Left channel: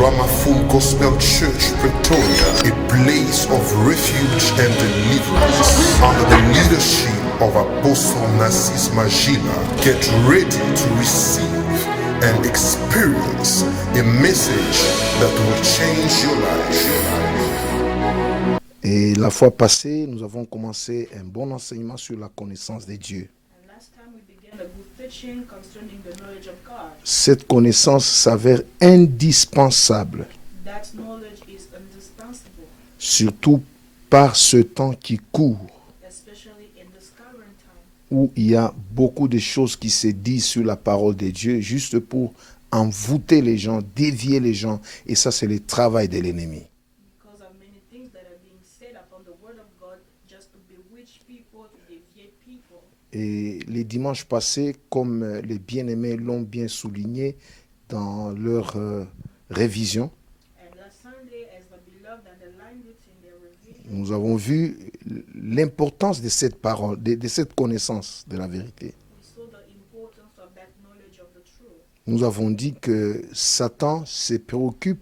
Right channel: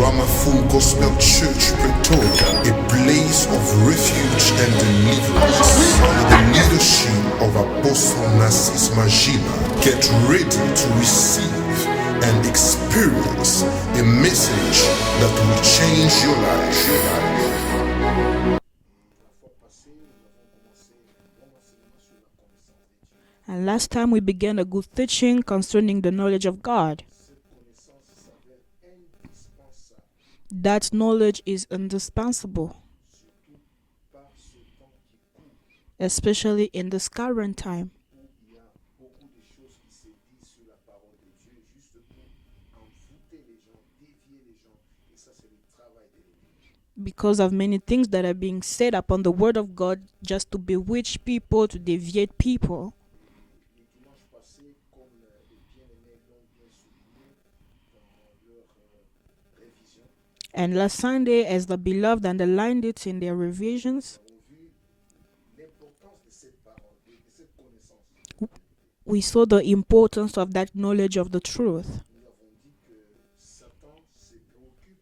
Rama Full Gospel Church, Pretoria, a place of refuge and deliverance. Under the leadership of Apostle Narcisse Magila, get ready to receive and experience a message that will change your life. Et la fois passée, nous avons commencé un bon enseignement sur la connaissance de Dieu. And last time we began a good teaching concerning the knowledge of God. Cette connaissance s'avère indispensable, That knowledge is indispensable, surtout par ce temps qui court, especially in this current time, où il y a beaucoup de choses qui se disent sur la parole de Dieu, juste pour envoûter les gens, dévier les gens. Et ça, c'est le travail de l'ennemi. because of many things that are being said upon the word of God just to bewitch people, to deviate people. Et les dimanches passés, comme les bien-aimés l'ont bien souligné dans leur révision, And last Sunday, as the beloved underlined it in their revisions, nous avons vu l'importance de cette parole, de cette connaissance de la vérité. we saw the importance of that knowledge of the truth. Nous avons dit que Satan se préoccupe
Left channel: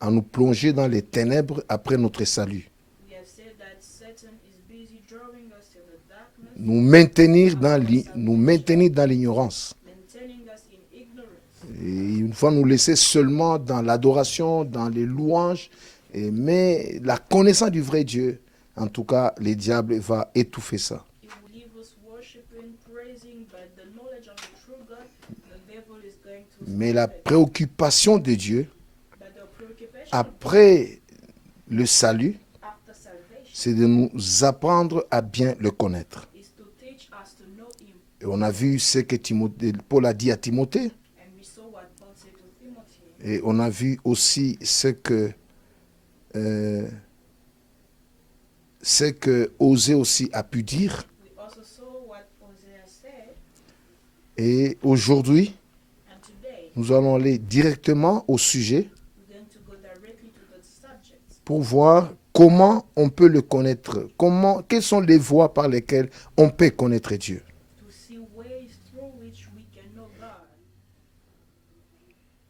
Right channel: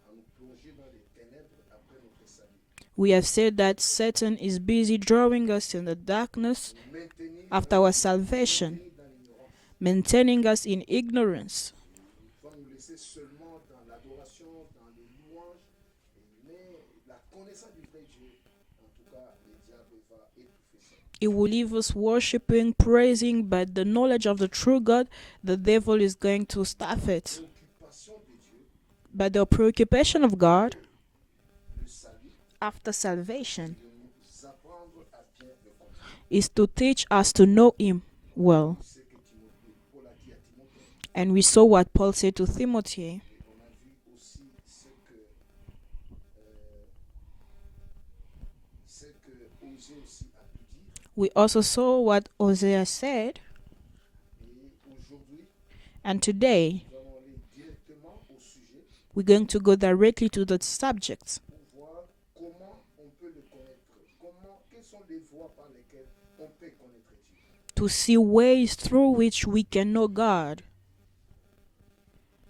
à nous plonger dans les ténèbres après notre salut, We have said that Satan is busy drawing us in the darkness, nous maintenir After dans our nous salvation. maintenir dans l'ignorance. maintaining us in ignorance. Et une fois nous laisser seulement dans l'adoration, dans les louanges, mais la connaissance du vrai Dieu, en tout cas, le diable va étouffer ça. It will leave us worshiping, praising, but the knowledge of the true God, the devil is going to Mais la stop it. préoccupation de Dieu, But the preoccupation of God après le salut, after c'est salvation de nous apprendre à bien le connaître. is to teach us to know Him. Et on a well. vu ce que Paul a dit à Timothée, And we saw what Paul said to Timothy. et on a vu aussi ce que Osée aussi a pu dire. We also saw what Hosea said. Et aujourd'hui, And today, nous allons aller directement au sujet we're going to go directly to the subject pour voir comment on peut le connaître, quelles sont les voies par lesquelles on peut connaître Dieu. to see ways through which we can know God.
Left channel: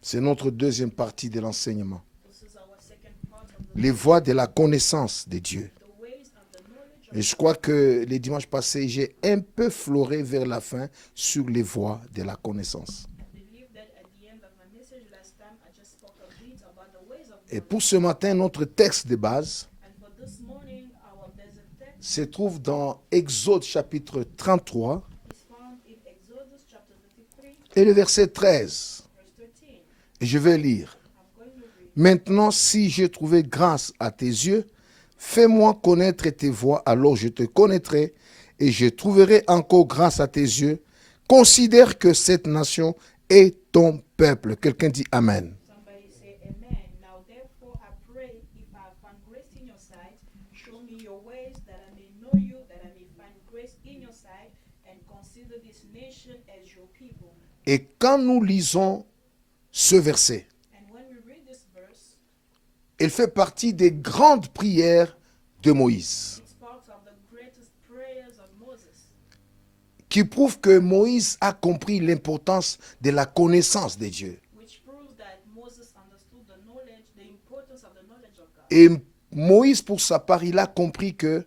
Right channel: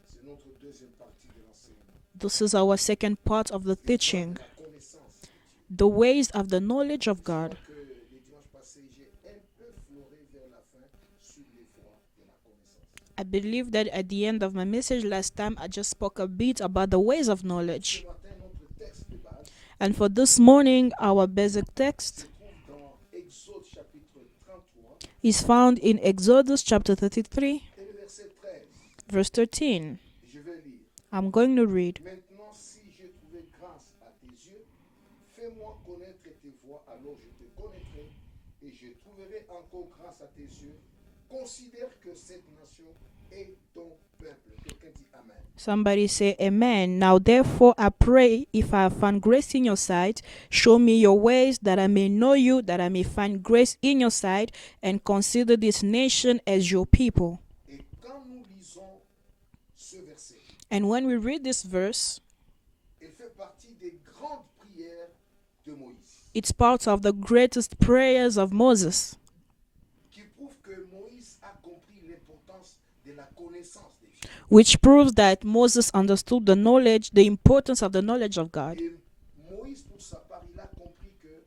C'est notre deuxième partie de l'enseignement. This is our second part of the Les voies de teaching. la connaissance de Dieu. The ways of the knowledge of Et je crois God. que les dimanches passés, j'ai un peu floré vers la fin sur les voies de la connaissance. I believe that at the end of my message last time, I just spoke a bit about the ways of Et pour knowledge. ce matin, notre texte de base And for this morning, our basic se text trouve dans Exode chapitre 33 is found in Exodus chapter 33, et le verset 13. verse 13. Et je vais lire. I'm going to read. Maintenant, si j'ai trouvé grâce à tes yeux, fais-moi connaître tes voies, alors je te connaîtrai et je trouverai encore grâce à tes yeux. Considère que cette nation est ton peuple. Quelqu'un dit Amen. Somebody say amen. Now therefore I pray, if I have found grace in your sight, show me your ways, that I may know you, that I may find grace in your sight, and consider this nation as your people. Et quand nous lisons ce verset, And when we read this verse, il fait partie des grandes prières de Moïse, it's part of the greatest prayers of Moses, qui prouve que Moïse a compris l'importance de la connaissance de Dieu. which proves that Moses understood the knowledge, the importance of the knowledge of God. Et Moïse, pour sa part, il a compris que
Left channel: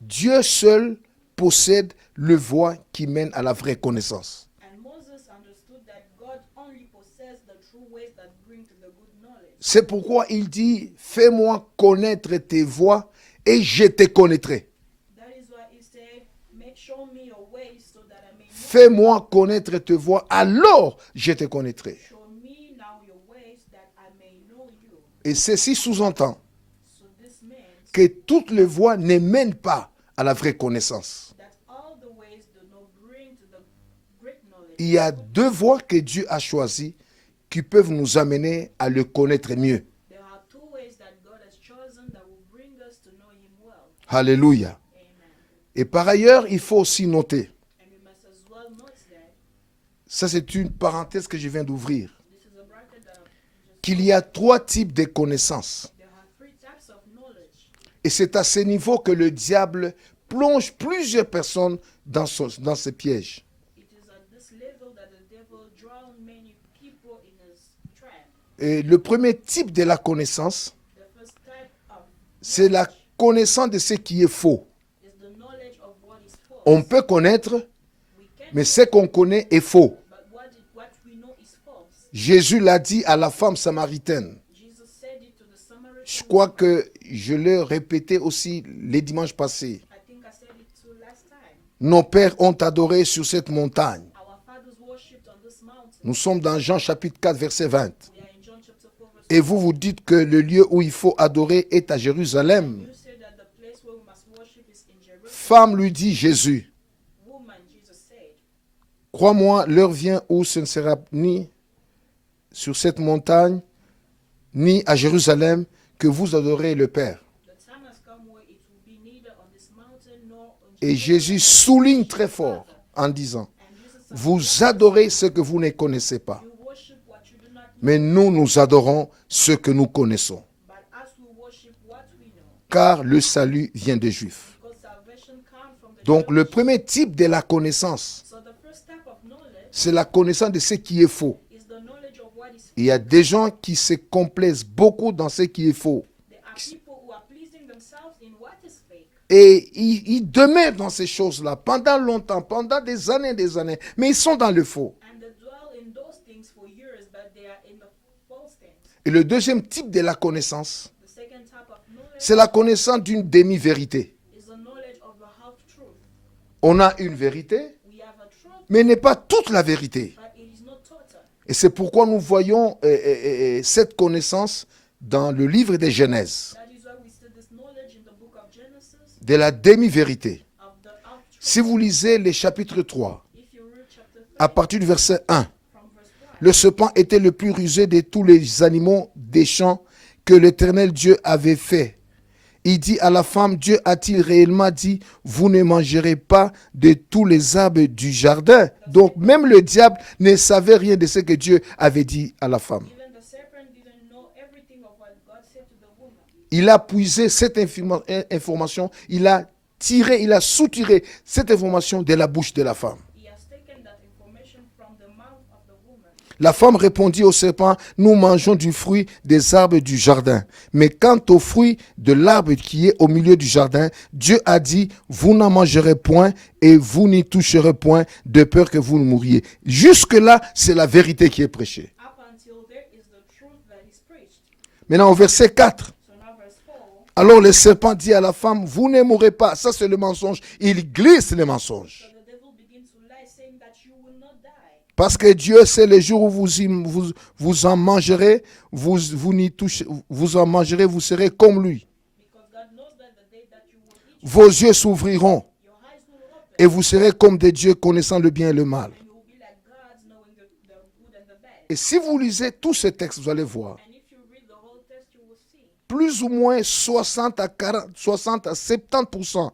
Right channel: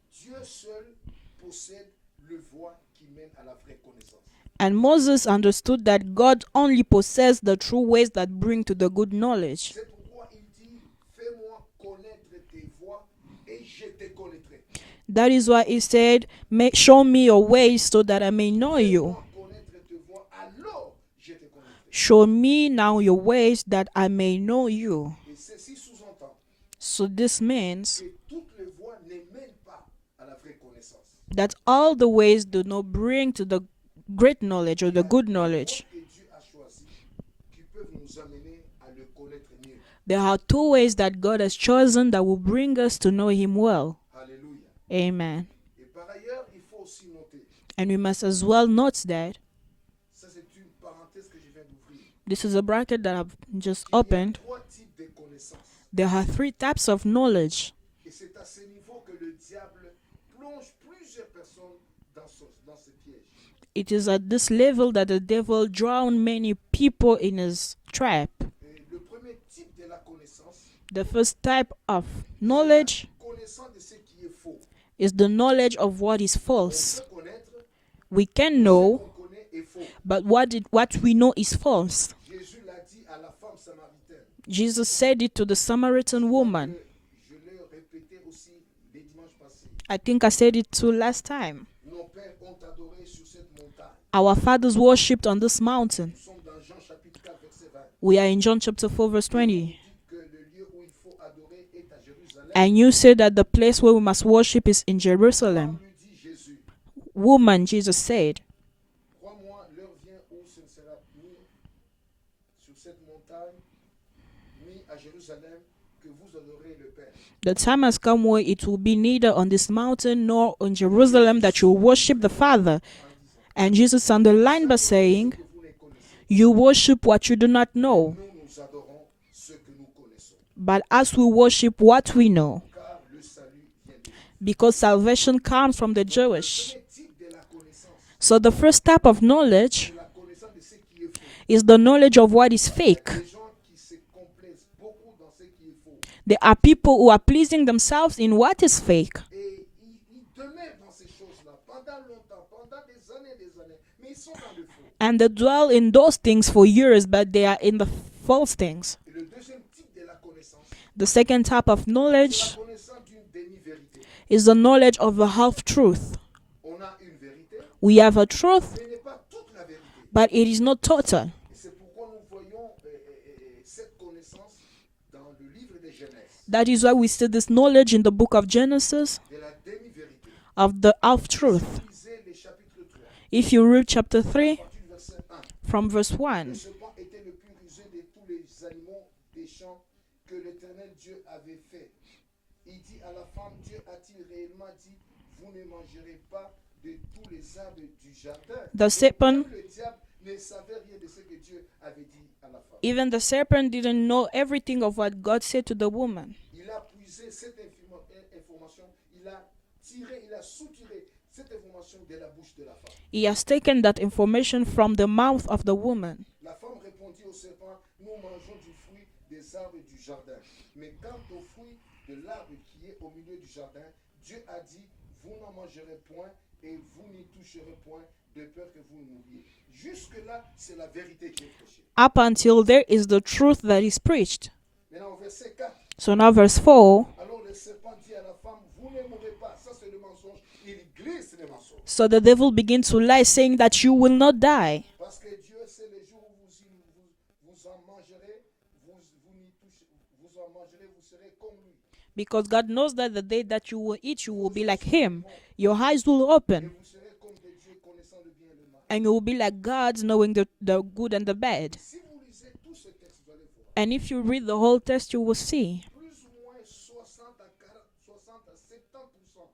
Dieu seul possède le voie qui mène à la vraie connaissance. And Moses understood that God only possessed the true ways that bring to the good knowledge. C'est pourquoi il dit, fais-moi connaître tes voies et je te connaîtrai. That is why he said, show me your ways so that I may know you. Fais-moi connaître tes voies, alors je te connaîtrai. Show me now your ways that I may know you. Et ceci sous-entend So this means que toutes les voies ne mènent pas à la vraie connaissance. that all the ways do not bring to the great knowledge or Il y the a good deux voies knowledge. que Dieu a choisies qui peuvent nous amener à le connaître mieux. There are two ways that God has chosen that will bring us to know him well. Alléluia. Amen. Et par ailleurs, il faut aussi noter, And we must as well note that ça c'est une parenthèse que je viens d'ouvrir, this is a bracket that I've just qu'il y a opened. trois types de connaissances. There are three types of knowledge. Et c'est à ce niveau que le diable plonge plusieurs personnes dans ses pièges. It is at this level that the devil drowned many people in his trap. Et le premier type de la connaissance, The first type of c'est la knowledge connaissance de ce qui est faux. is the knowledge of what is On false. peut connaître, We can mais ce know, qu'on connaît est faux. but what we know is false. Jésus l'a dit à la femme samaritaine. Jesus said it to the Je Samaritan crois woman. que je l'ai répété aussi les dimanches passés. I think I said it too last time. Nos pères ont adoré sur cette montagne. Our fathers worshipped on this mountain. Nous sommes dans Jean chapitre 4 verset 20. We are in John chapter 4 verse Et 20. vous dites que le lieu où il faut adorer est à Jérusalem. And you say that the place where we must worship is in Jerusalem. Femme lui dit Jésus, Woman, Jesus said, crois-moi, l'heure vient où ce ne sera ni sur cette montagne, ni à Jérusalem, que vous adorez le Père. the time has come where it will be neither on this mountain nor on Et Jerusalem Jésus that you souligne worship très the fort Father. en disant, And Jesus vous underlined by adorez ce saying, que vous ne connaissez pas. you worship what you do not Mais know, nous adorons ce que nous connaissons. but as we worship what we know, Car le salut vient des Juifs. because salvation comes from the Donc le Jewish. premier type de la connaissance, So the first type of knowledge c'est la connaissance de ce qui est faux. is the knowledge of what is Il y a fake. des gens qui se complaisent beaucoup dans ce qui est faux. There are people who are pleasing themselves in what is fake. Et ils demeurent dans ces choses-là pendant longtemps, pendant des années, mais ils sont dans le faux. And they dwell in those things for years, but they are in the false things. Et le deuxième type de la connaissance, The second type of knowledge c'est la connaissance d'une demi-vérité. is the knowledge of a half truth. On a une vérité, We have a truth, mais n'est pas toute la vérité. but it is not total. Et c'est pourquoi nous voyons cette connaissance dans le livre de Genèse, That is why we see this knowledge in the book of Genesis de la demi-vérité. of the half Si truth. vous lisez les chapitres 3, If you read chapter à 3 partir du verset 1, from verse 1, le serpent était le plus rusé de tous les animaux des champs que l'Éternel Dieu avait fait. Il dit à la femme, Dieu a-t-il réellement dit, vous ne mangerez pas de tous les arbres du jardin? The Donc serpent- même le diable ne savait rien de ce que Dieu avait dit à la femme. even the serpent didn't know everything of what God said to the woman. Il a puisé cette information, il a soutiré cette information de la bouche de la femme. He has taken that information from the mouth of the woman. La femme répondit au serpent, nous mangeons du fruit des arbres du jardin. Mais quant au fruit de l'arbre qui est au milieu du jardin, Dieu a dit, vous n'en mangerez point et vous n'y toucherez point de peur que vous ne mouriez. Jusque-là, c'est la vérité qui est prêchée. Up until there is the truth that is preached. Maintenant, au verset 4, So now verse 4, alors le serpent dit à la femme, vous ne mourrez pas. Ça, c'est le mensonge. Il glisse le mensonge. so the devil begins to lie, saying that you will not die. Parce que Dieu sait le jour où vous en mangerez, vous en mangerez, vous serez comme lui. Because God knows that the day that you will eat, you Vos will be yeux like him. s'ouvriront Your eyes will open. et vous serez comme des dieux connaissant le bien et le mal. And you will be like gods, knowing the good and the bad. Et si vous lisez tous ces textes, vous allez voir, And if you read the whole text, you will see plus ou moins 60 à 70%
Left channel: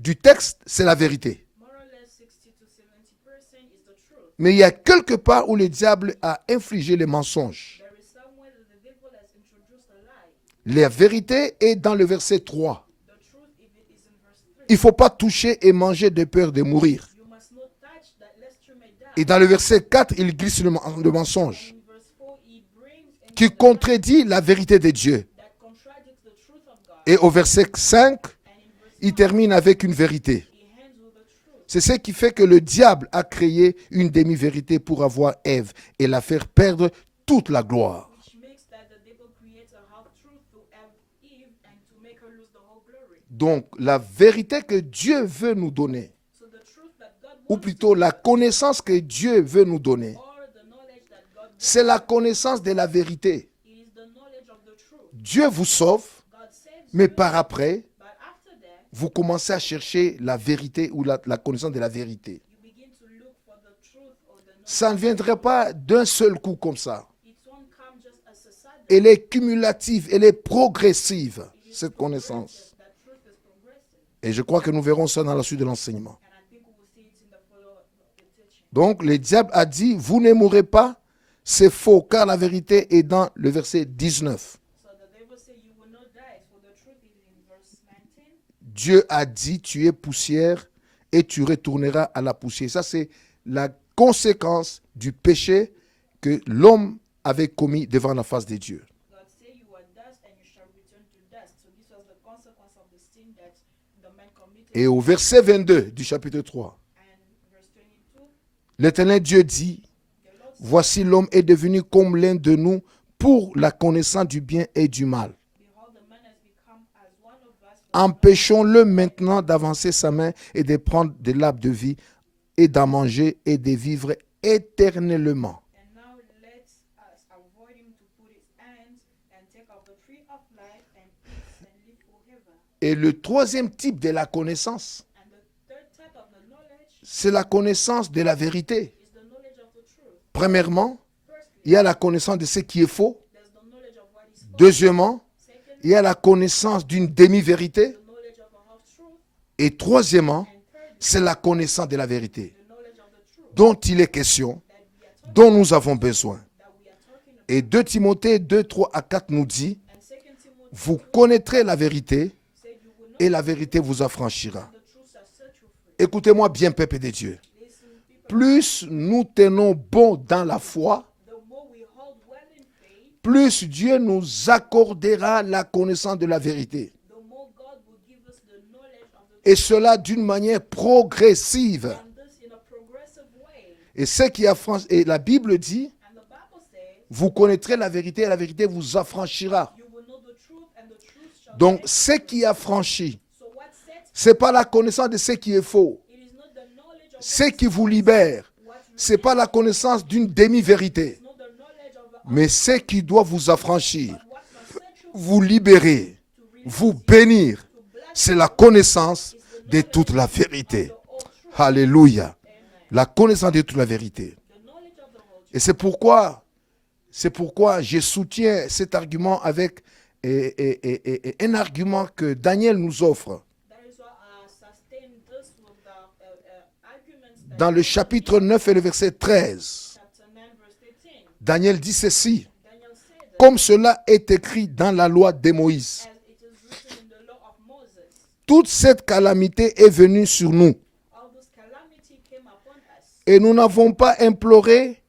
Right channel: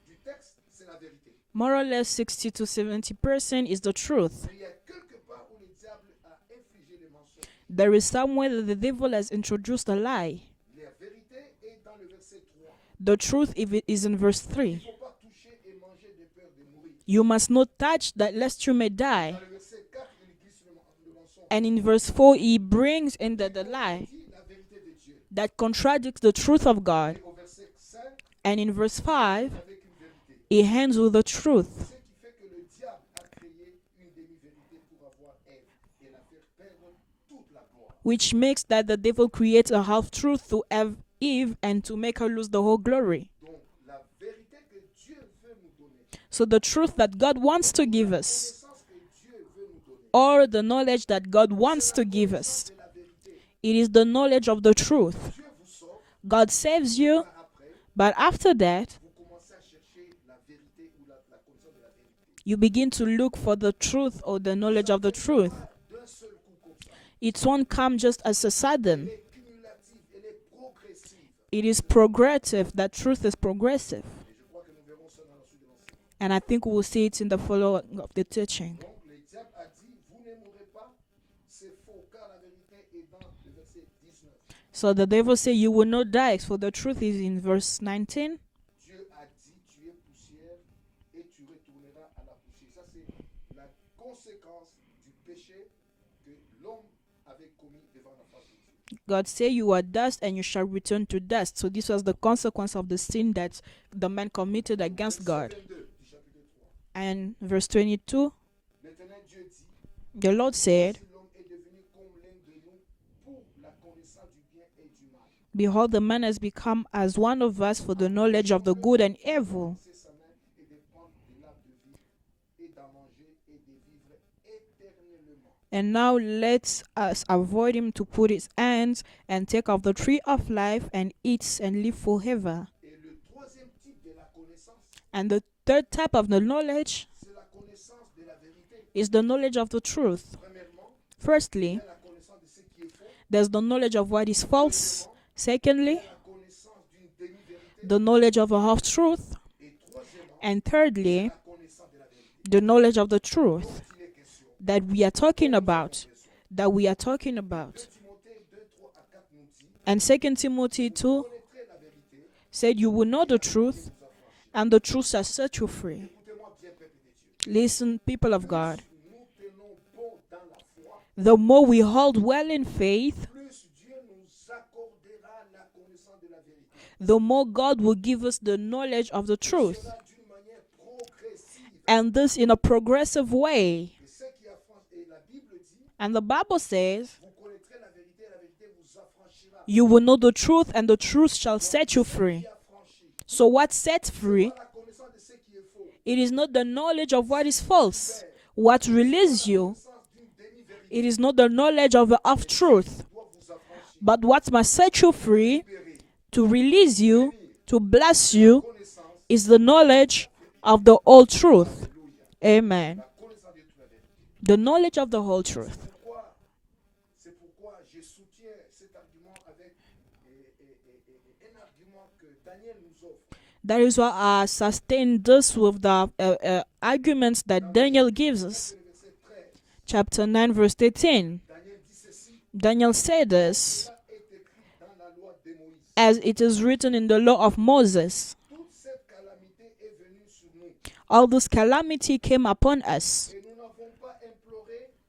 du texte, c'est la vérité. more or less 60 to 70% is the truth. Mais il y a quelque part où le diable a infligé les mensonges. There is somewhere that the devil has introduced a lie. La vérité est dans le verset 3. The truth is in verse 3. Il ne faut pas toucher et manger de peur de mourir. You must not touch that lest you may die. Et dans le verset 4, il glisse le mensonge And in verse 4, he brings in qui the lie contredit la vérité de Dieu. that contradicts the truth of God. Et au verset 5, And in verse il 5, termine avec une vérité. he ends with the truth. C'est ce qui fait que le diable a créé une demi-vérité pour avoir Ève et la faire perdre toute la gloire. Which makes that the devil creates a half-truth to have Eve and to make her lose the whole glory. Donc, la vérité que Dieu veut nous donner, So the truth that God ou wants to plutôt give la us, connaissance que Dieu veut nous donner, or the knowledge that God wants c'est la to give connaissance us, de la vérité. it is the knowledge of the truth. Dieu vous sauve, God saves mais you, par après, but after that, vous commencez à chercher la vérité ou la connaissance de la vérité. you begin to look for the truth or the knowledge Ça ne of the viendrait truth. pas d'un seul coup comme ça. It won't come just as a sudden. Elle est cumulative, elle est progressive. It is cette connaissance. progressive. That truth is progressive. Et je crois que nous verrons ça dans la suite de l'enseignement. And I think we will see it in the following of the teaching. Donc, le diable a dit, vous ne mourrez pas. C'est faux, car la vérité est dans le verset 19. So the devil said, you will not die. For the truth is in verse 19. Dieu a dit, tu es poussière et tu retourneras à la poussière. Ça, c'est la conséquence du péché que l'homme avait commis devant la face de Dieu. God said, "You are dust, and you shall return to dust." So this was the consequence of the sin that the man committed Et au against verset God. 22 du chapitre 3, And verse 22, l'Éternel Dieu dit, the Lord said, voici l'homme est devenu comme l'un de nous pour la connaissance du bien et du mal. "Behold, the man has become as one of us for the knowledge of the Empêchons-le good and maintenant evil." d'avancer sa main et de prendre de l'arbre de vie et d'en manger et de vivre éternellement. And now let us avoid him to put his hands and take of the tree of life and eat and live forever. Et le troisième type de la connaissance, And the third type of the knowledge c'est la connaissance de la vérité. is the knowledge of the truth. Premièrement, il Firstly, y a la connaissance de ce qui est faux. there's the knowledge of what is false. Deuxièmement, il Secondly, y a la connaissance d'une demi-vérité. the knowledge of a half-truth. Et troisièmement, And thirdly, c'est la connaissance de la vérité the knowledge of the truth dont il est question, that we are dont talking nous avons about. besoin. That we are talking Et about. 2 Timothée 2, 3 à 4 nous dit, And 2 Timothy vous 2 connaîtrez la vérité said, "You will know et the la vérité truth, vous affranchira. and the truth shall set you free." Écoutez-moi bien, peuple de Dieu. Listen, people of Plus God. nous tenons bon dans la foi, The more we hold well in faith, plus Dieu nous accordera la connaissance de la vérité. the more God will give us the knowledge of the Et truth. cela d'une manière progressive. And this in a progressive way. Et ce qui affranchit, et la Bible dit, And the Bible says, vous connaîtrez la vérité et la vérité vous affranchira. "You will know the truth, and the truth shall Donc, set you ce free." qui affranchit, So what sets c'est free? pas la connaissance de ce qui est faux. It is not the knowledge of what Ce is qui vous false. libère, What c'est pas la releases you. connaissance d'une It demi-vérité, is not the knowledge of the mais ce truth, qui doit vous affranchir, but what must set you vous free, libérer, to release vous you, bénir. to bless C'est la you, connaissance is the de toute knowledge la of vérité. the whole truth. Alléluia. Amen. La connaissance de toute la vérité. The knowledge of the whole Et truth. c'est pourquoi je soutiens cet argument avec un argument que Daniel nous offre. That is why I sustain this with the arguments that Dans le Daniel chapitre gives. 9 et le verset 13, Chapter 9, verse 13. Daniel dit ceci. Daniel said Comme this, cela est écrit dans la loi de Moïse, as it is written in the law of Moses. toute cette calamité est venue sur nous All this calamity came upon us, et nous n'avons pas imploré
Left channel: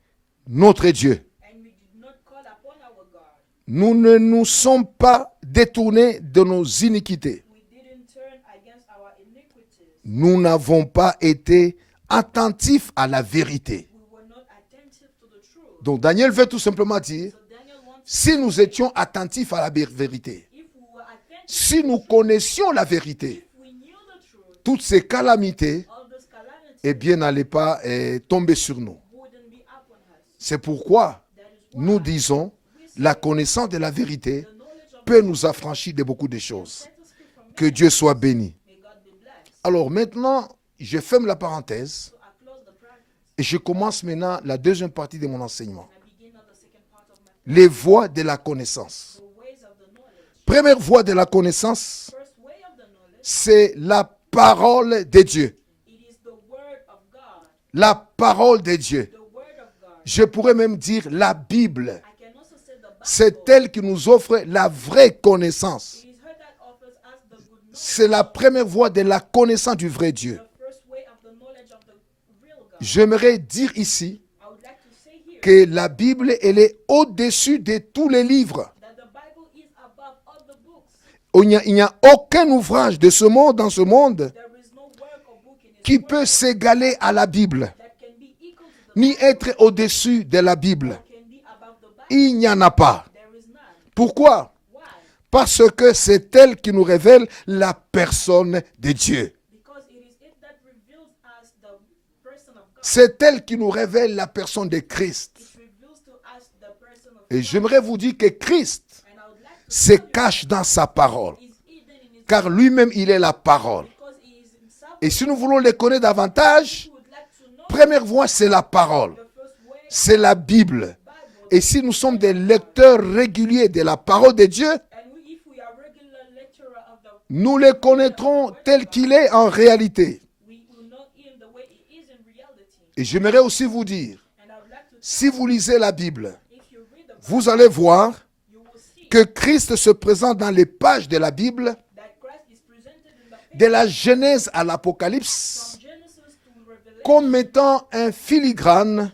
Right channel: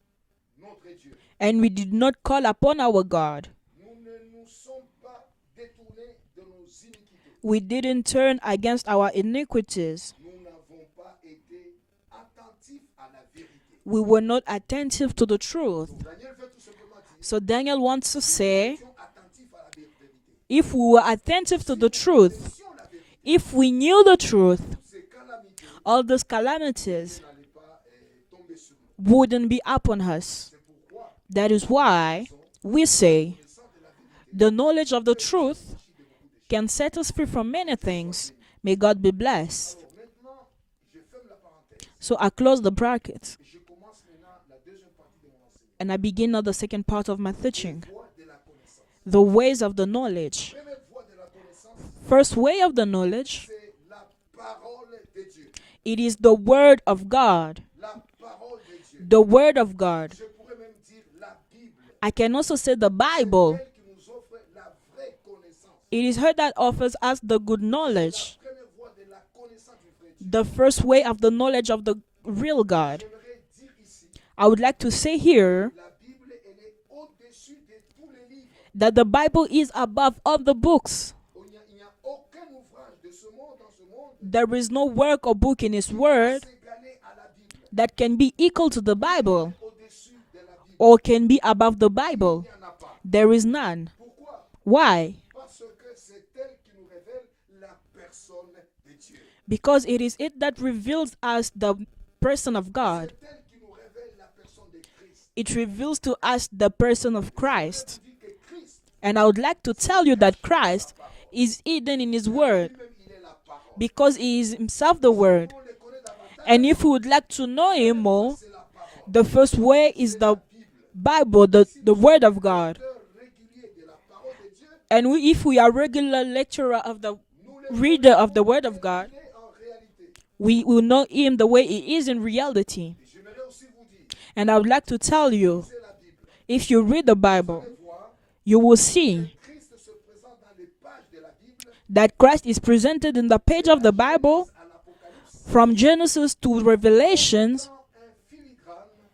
notre Dieu. and we did not call upon our God. Nous ne nous sommes pas détournés de nos iniquités. We didn't turn against our iniquities. Nous n'avons pas été attentifs à la vérité. We were not attentive to the truth. Donc Daniel veut tout simplement dire, So Daniel wants to si nous say, étions attentifs à la vérité, if we were attentive si to nous the truth, connaissions la vérité, if we knew the truth, toutes ces calamités, all these eh calamities bien, n'allaient pas tomber sur nous. wouldn't be upon us. C'est pourquoi That is nous why disons, we la say connaissance de la vérité the knowledge of the peut nous truth affranchir de beaucoup de can choses. set us free from Que many Dieu soit things. béni. May God be blessed. Alors maintenant, je ferme la parenthèse So I close the bracket et je commence maintenant la deuxième partie de mon enseignement. and I begin now the second part of my Les teaching. voies de la connaissance. The ways of the knowledge. Première voie de la connaissance, First way of the knowledge, c'est la parole de Dieu. it is the word of God. La parole de Dieu. The word of God. Je pourrais même dire la Bible. I can also say the C'est Bible. elle qui nous offre la vraie connaissance. It is her that offers us the good C'est la knowledge. première voie de la connaissance du vrai Dieu. The first way of the knowledge of the real God. J'aimerais dire ici I would like to say que here la Bible, elle est au-dessus de tous les livres. that the Bible is above all the books. Il n'y a aucun ouvrage de ce monde, dans ce monde, There is no work or book in His qui peut word s'égaler à la Bible, that can be equal to the ni Bible être au-dessus de la Bible. or can be above the Il n'y Bible. en a pas. There is none. Pourquoi? Why? Parce que c'est elle qui nous révèle la personne de Dieu. Because it is it that reveals us the person of God. C'est elle qui nous révèle la personne de Christ. It reveals to us the person of Et j'aimerais vous Christ. dire que Christ And I would like to se tell you that cache dans sa Christ parole. is hidden in His Car word lui-même, il est la parole. because He is Himself the Et si nous word. voulons le connaître And davantage, if we would like to know première Him more, voie, c'est la parole. the first way is C'est la the Bible. Bible, Et the, si nous the sommes word des of God. lecteurs réguliers de la parole de Dieu, And if we are regular lecturer of the, nous le Reader of the connaîtrons word of tel God. qu'il est en réalité. we will know Him the way He is in reality. Et j'aimerais aussi vous dire, And I would like to si tell vous you, lisez la Bible, if you read the vous Bible, allez voir you will see que Christ se présente dans les pages de la Bible, that Christ is presented in the page de la of the Bible, Genèse à l'Apocalypse, from Genesis to comme Revelation, étant un filigrane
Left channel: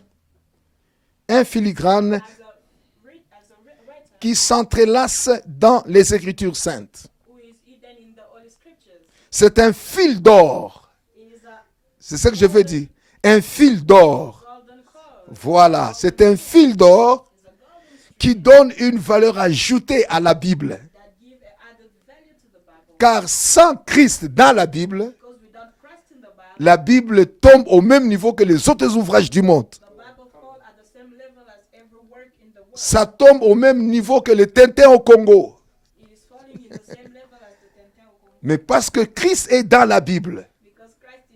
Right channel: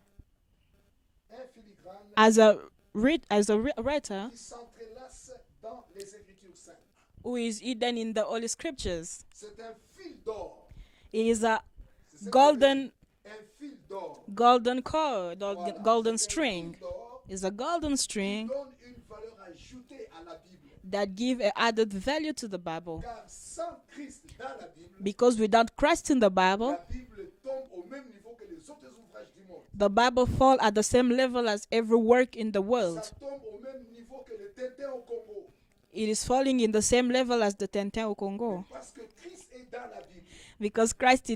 as a writer qui s'entrelace dans les Écritures saintes. who is hidden in the Holy Scriptures. C'est un fil d'or. It is a C'est ce que je veux Golden- dire. Un fil d'or. golden cord. Voilà, golden c'est un string. fil d'or It's a golden qui string donne une valeur ajoutée à la Bible. that give a added value to the Bible. Car sans Christ dans la Bible, Because without Christ in the Bible, la Bible tombe au même niveau que les autres ouvrages du monde. the Bible fall at the same level as every work in the world. Ça tombe au même niveau que le Tintin au Congo. It is falling in the same level as the Tintin au Congo. Mais parce que Christ est dans la Bible, Because Christ is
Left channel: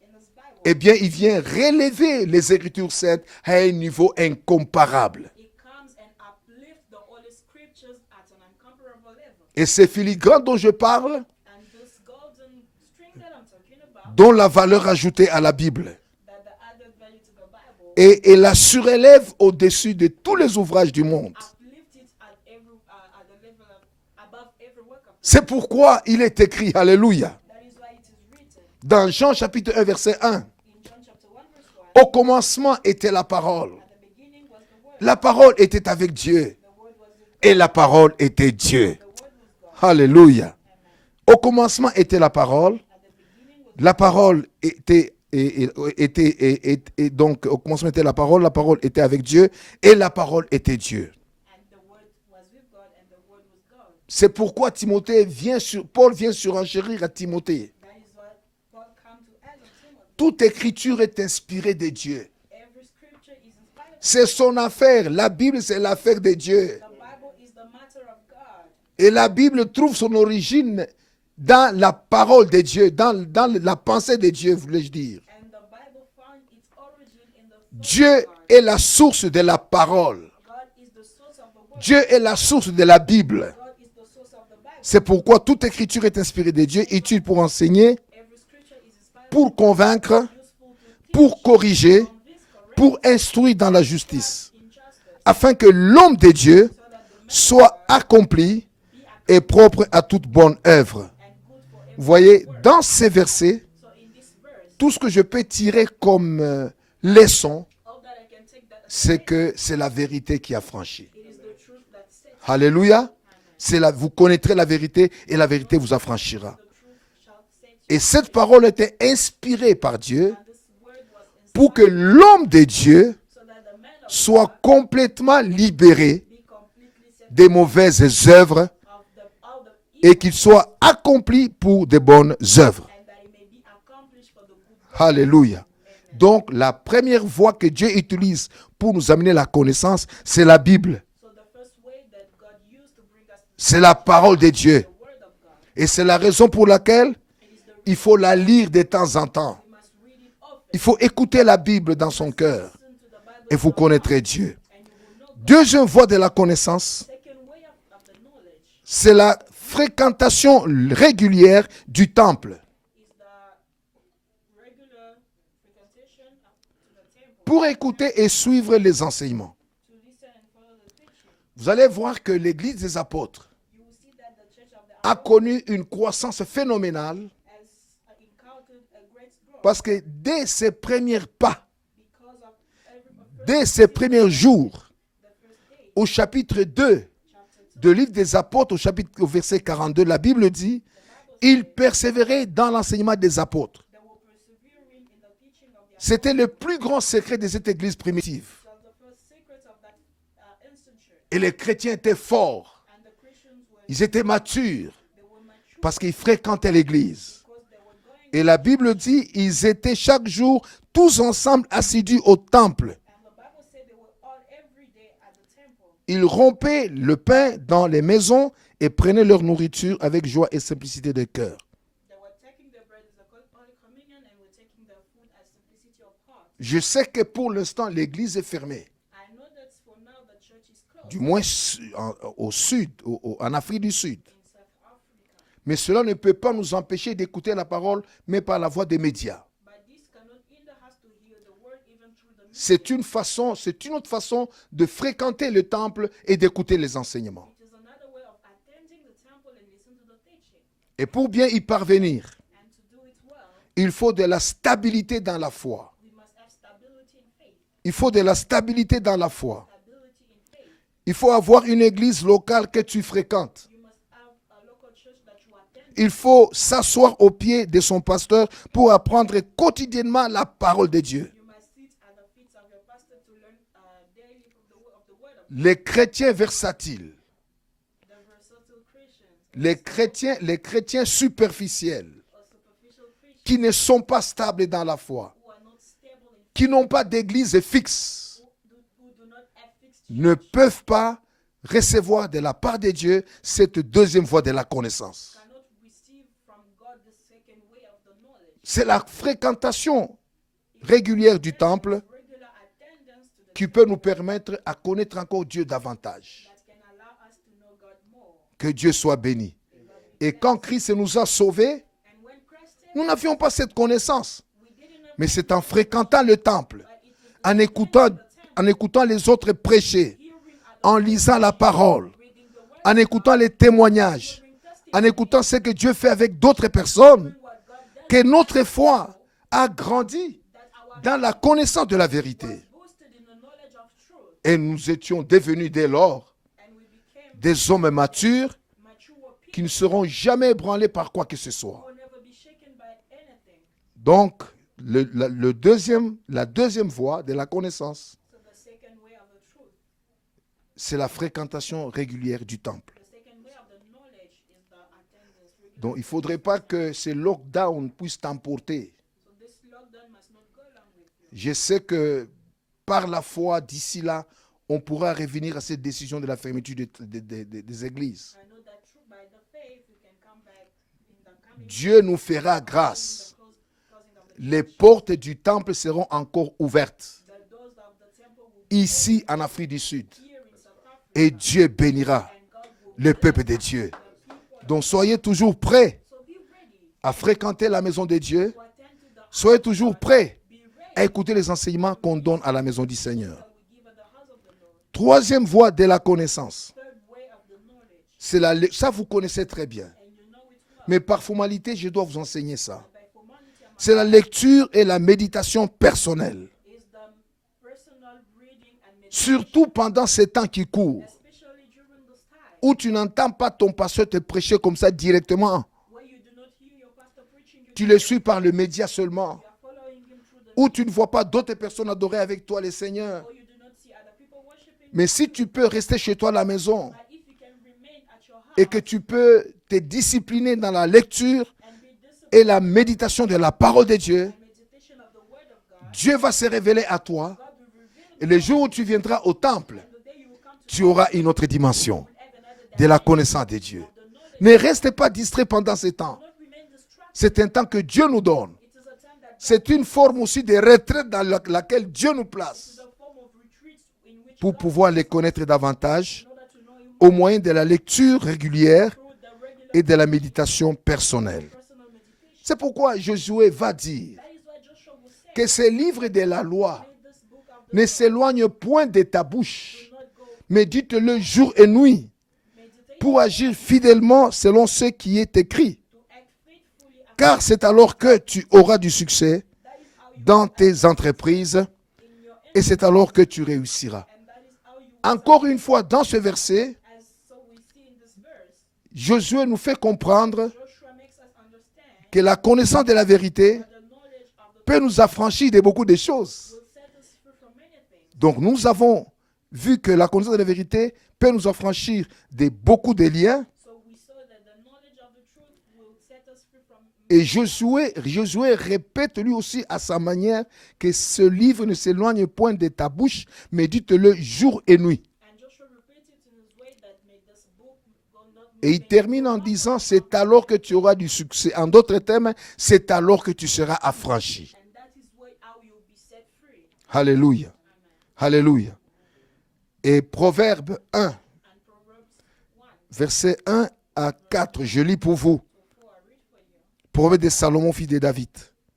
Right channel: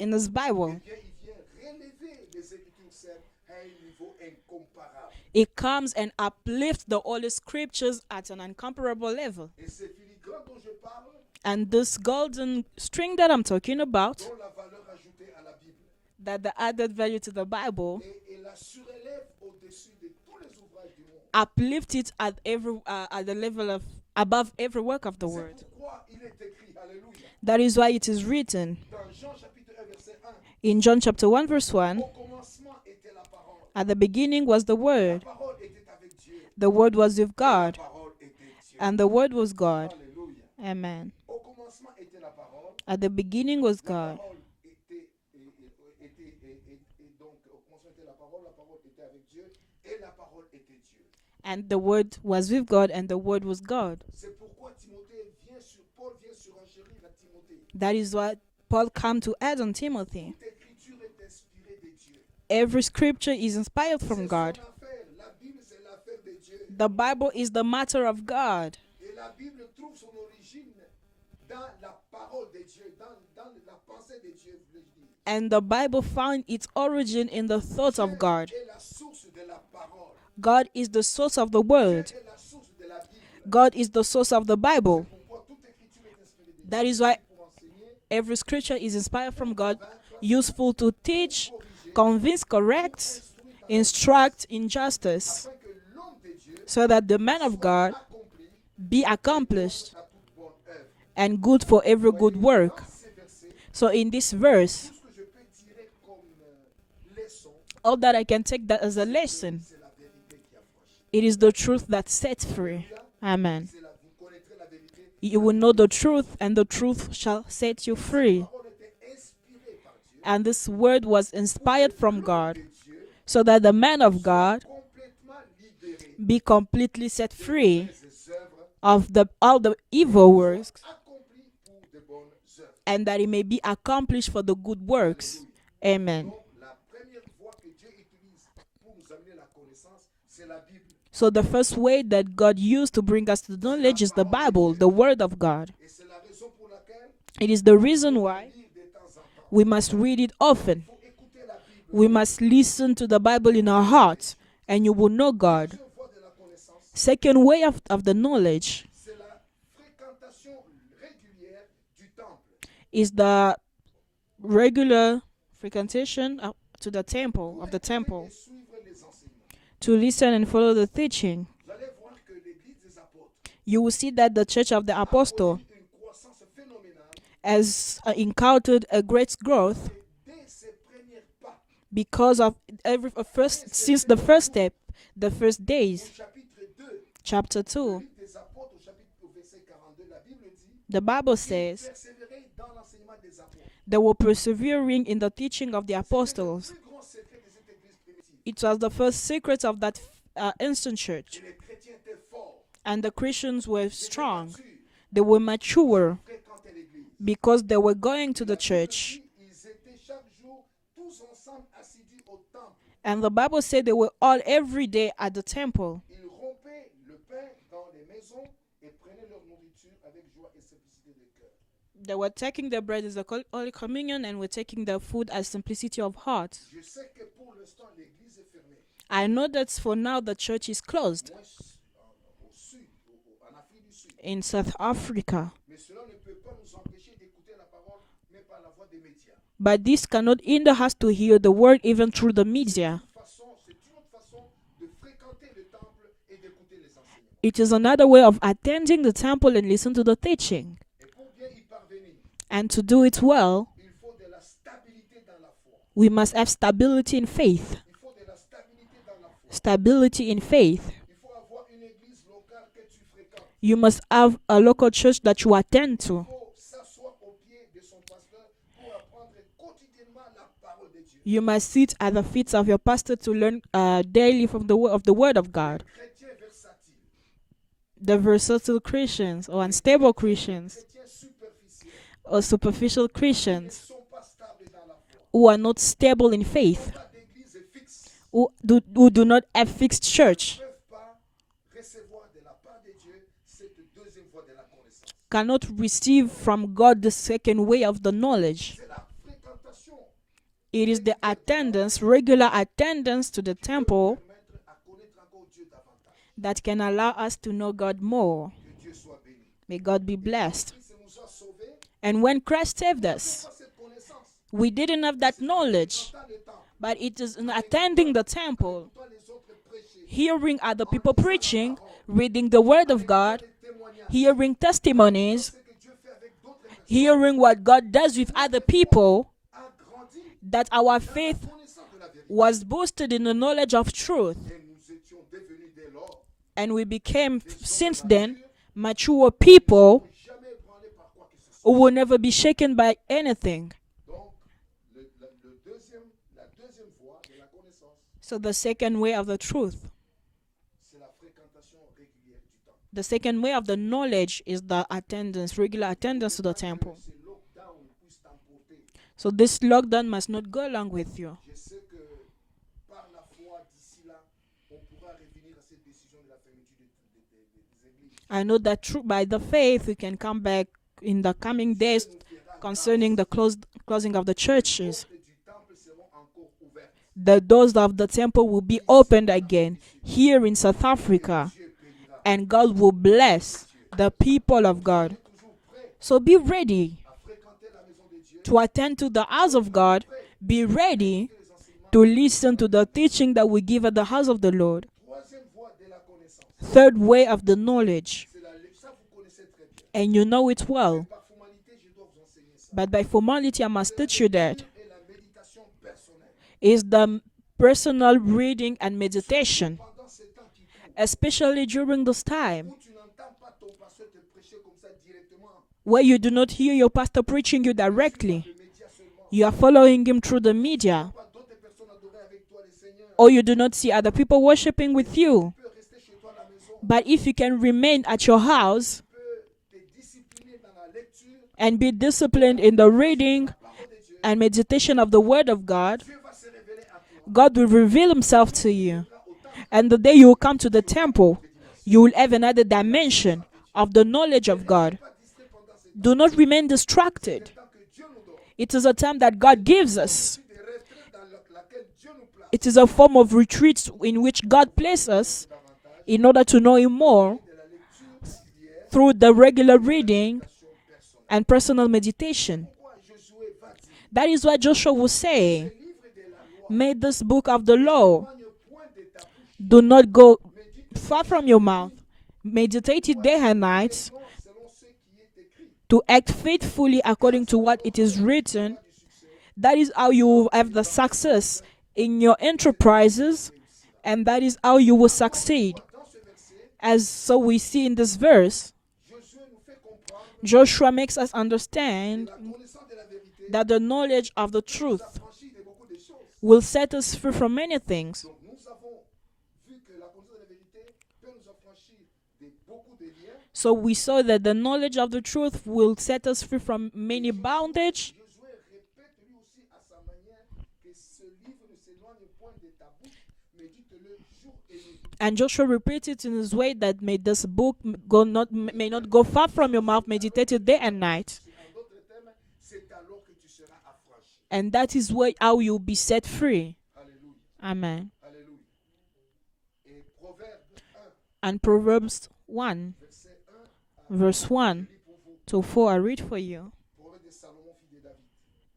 in his Bible. eh bien, il vient relever les Écritures saintes à un niveau incomparable. It comes and uplifts the Holy Scriptures at an incomparable level. Et ces filigranes dont je parle, And this golden string that I'm talking about, dont la valeur ajoutée à la Bible, that the added value to the Bible, et la surélève au-dessus de tous les ouvrages du monde. uplift it at the level of above every work of the C'est world. pourquoi il est écrit, alléluia, That is why it is written dans Jean chapitre 1 verset 1, in John chapter 1 verse 1, au commencement était la parole. at the beginning was the Word. La parole était avec Dieu The Word was with et la God. parole était Dieu. And the Word was God. Alléluia. Amen. Au commencement était la parole. At the beginning was La God. parole était donc au commencement était la parole était avec Dieu et la parole était Dieu. And the Word was with God, and the Word was God. C'est pourquoi Paul vient surenchérir à Timothée. That is what Paul came to add on Timothy. Toute écriture est inspirée de Dieu. Every scripture is inspired C'est from son God. affaire. La Bible, c'est l'affaire de Dieu. The Bible is the matter of God. Et la Bible trouve son origine dans la parole de Dieu, dans la pensée de Dieu, voulais-je dire. And the Bible found its origin in the thoughts Dieu of God. est la source de la parole. God is the source of the Word. Dieu est la source de la Bible. God is the source of the Bible. C'est pourquoi toute écriture est inspirée de Dieu, That is why- utile pour enseigner, Every scripture is inspired pour from God, convaincre, useful to pour teach, corriger, convince, correct, pour instruire dans la instruct justice, in justice, afin que l'homme de Dieu so that the man of soit God accompli be et propre accomplished à toute bonne œuvre. and good for every Vous voyez, good work. dans ces versets, So in this verse, tout ce que je peux tirer comme leçon, all that I can take that as a c'est que lesson, c'est la vérité qui a franchi. it is the truth that sets free. Alléluia. Amen. Vous connaîtrez la vérité et You la will know vérité the vous truth, affranchira. and the truth shall set you Et cette free. parole était inspirée par Dieu And this word was pour que inspired from l'homme God, de Dieu so that the man of soit God complètement libéré be completely set des free mauvaises œuvres of all the et evil qu'il works, soit accompli pour de bonnes œuvres. and that it may be accomplished for the good works. Alléluia. Amen. Donc la première voie que Dieu utilise pour nous amener la connaissance, c'est la Bible. So the first way that God used to bring us to the C'est la knowledge is parole the de Bible, Dieu. the Word of God. Et c'est la raison pour laquelle It is the il reason faut la why lire de temps en temps. we must read it often. Il faut écouter la Bible We dans son must cœur. listen to the Bible Et in vous our connaîtrez heart, Dieu. and you will know God. Deuxième voie de la connaissance, Second way of the knowledge c'est la fréquentation régulière du temple. is the regular frequentation to the temple. Pour of the écouter temple, et suivre les enseignements. to listen and follow the teaching. Vous allez voir que l'église des apôtres You will see that the church of the a apostle connu une croissance phénoménale has encountered a great growth parce que dès ses premiers pas, because of dès ses since the premiers first jours, step, the first days. au chapitre 2 Chapter 2, du livre des apôtres, au verset 42, la Bible dit, the Bible ils says persévéraient dans l'enseignement des apôtres. they were persevering in the teaching of the C'était le apostles. plus grand secret de cette église primitive. It was the first secret of that instant church. Et les chrétiens étaient forts, And the Christians were ils étaient strong. matures They were mature parce qu'ils fréquentaient l'église. because they were going Et to la the Bible church. dit, ils étaient chaque jour tous ensemble assidus au temple. And the Bible said they were all every day at the temple. Ils rompaient le pain dans les maisons et prenaient leur nourriture avec joie et simplicité de cœur. They were taking the bread as the Holy Communion and were taking the food as simplicity of heart. Je sais que pour l'instant, l'église est fermée. I know that for now the church is Du closed moins au sud, en Afrique du Sud. in South Africa. Mais cela ne peut pas nous empêcher d'écouter la parole, mais par la voie des médias. But this cannot hinder us to hear the word even through the C'est media. une autre façon de fréquenter le temple et d'écouter les enseignements. It is another way of attending the temple and listen to the teaching. Et pour bien y parvenir, And to do it well, il faut de la stabilité dans la foi. we must have stability in faith. Il faut de la stabilité dans la foi. Stability in faith. Il faut avoir une église locale que tu fréquentes. You must have a local church that you attend Il to. faut s'asseoir au pied de son pasteur pour apprendre quotidiennement la parole de Dieu. You must sit at the feet of your pastor to learn daily from the word of Les God. chrétiens versatiles, The versatile Christians or les unstable chrétiens Christians superficiels, or superficial qui Christians ne sont pas stables dans la foi, who are not stable in qui faith, n'ont pas d'église fixe, who do not have fixed ne church, peuvent pas recevoir de la part de Dieu cette deuxième voie de la connaissance. cannot receive from God the second way of the knowledge. C'est la fréquentation It is the régulière du attendance, temple regular attendance to the qui peut nous temple permettre à connaître encore Dieu davantage. that can allow us to know God more. Que Dieu soit béni. May God be Et quand blessed. Christ nous a sauvés, And when Christ saved nous n'avions us, pas cette connaissance. we didn't have Mais that c'est en knowledge. fréquentant le temple, But it is in en attending the temple, écoutant les autres prêcher, hearing other en people lisant la preaching, parole, reading the word en of écoutant God, les témoignages, hearing en testimonies, écoutant ce que Dieu fait avec d'autres personnes, hearing what God does que with notre other foi people, a grandi that our dans la faith connaissance de la vérité. was boosted in the knowledge of truth. Et nous étions devenus dès lors And we became des hommes since then, matures mature qui ne seront people jamais ébranlés par quoi que ce who soit. will never be shaken by anything. Donc, la deuxième voie de la connaissance, So the second way of the truth, c'est la fréquentation régulière du temple. the second way of the knowledge is the attendance, regular Donc, il ne attendance faudrait to pas the que temple. ce lockdown puisse t'emporter. So this lockdown must not go along with you. Je sais que par la foi, d'ici là, on pourra revenir à cette décision de la fermeture des églises. I know that by the faith we can come back in the coming Dieu days nous fera grâce. concerning the closing of the Les churches. portes du temple seront encore ouvertes. The doors of the temple will be Ici, opened en Afrique again du Sud. here in South Et Africa. Dieu bénira And God will le peuple bless de Dieu. the people of Donc God. soyez toujours prêts So be ready à fréquenter la maison de Dieu. to attend to the house Soyez of toujours God. prêts Be à ready écouter les enseignements to qu'on donne à listen la to maison the du teaching Seigneur. that we give at the house of the Lord. Troisième voie de la connaissance. Third way of the knowledge. Ça, vous connaissez très bien. And you know it well. Mais par formalité, je dois vous enseigner ça. But by formality, I must C'est la teach you that. lecture et la méditation personnelle. Is the personal reading and Surtout meditation, pendant ces temps qui courent, especially during this time où tu n'entends pas ton pasteur te prêcher comme ça directement. where you do not hear your pastor preaching you Tu le suis par directly. le média seulement. You are following him through the Où tu ne vois media, pas d'autres personnes adorer avec toi le Seigneur. or you do not see other people worshiping Mais with si tu you. peux rester chez toi à la maison But if you can remain at your et que house tu peux te discipliner dans la lecture and be et la disciplined in the méditation de reading la parole de Dieu, and meditation of the word of God, Dieu va se révéler à toi. God will reveal Et le himself jour où to tu you. viendras au temple, And the day you will come to the tu auras une temple, autre dimension you will have another de la dimension connaissance de Dieu. of the knowledge Ne of reste God. pas distrait pendant ce Do temps. not remain C'est distracted. un temps que Dieu nous donne. It is a time that God C'est une gives forme us. aussi de retraite dans laquelle Dieu nous place It is a form of retreat in which pour God pouvoir les places connaître us davantage in order to know Him au more moyen de la lecture régulière through the regular et de la reading méditation personnelle. and personal C'est meditation. pourquoi Josué va dire That is why Joshua will que ce say, livre de la loi may this book of the ne law s'éloigne point de ta bouche, do not go mais dites-le far from jour your et mouth. nuit Meditate it pour day agir and night, fidèlement selon ce qui est écrit. to act faithfully Car according to c'est what alors it is que tu written. auras du succès That is how you dans will have tes the entreprises success in your et c'est alors que tu enterprises, réussiras. and that is how you will Encore une succeed. fois, dans ce verset, As so we see in this verse, Josué nous fait comprendre Joshua makes us understand que la connaissance de la vérité that the knowledge of the peut truth nous affranchir de beaucoup de choses. will set us free from many things. Donc nous avons vu que la connaissance de la vérité peut nous affranchir de beaucoup de liens. So we saw that the knowledge of the truth will set us free from Et many bondage. Josué répète lui aussi à sa manière que ce livre ne s'éloigne point de ta bouche, mais dites-le jour et nuit. And Joshua repeats it in his way that may this book go not, Et il may not go termine en far from disant, your mouth, c'est alors que meditate it tu day auras and du night. succès. En d'autres termes, c'est alors que tu seras affranchi. And that is how you'll be set free. Alléluia. Amen. Alléluia. Et Proverbe 1, And Proverbs 1 verset 1 à Verse 4, 1. je lis pour vous. to 4, I read for you. Proverbe de Salomon, fils de David.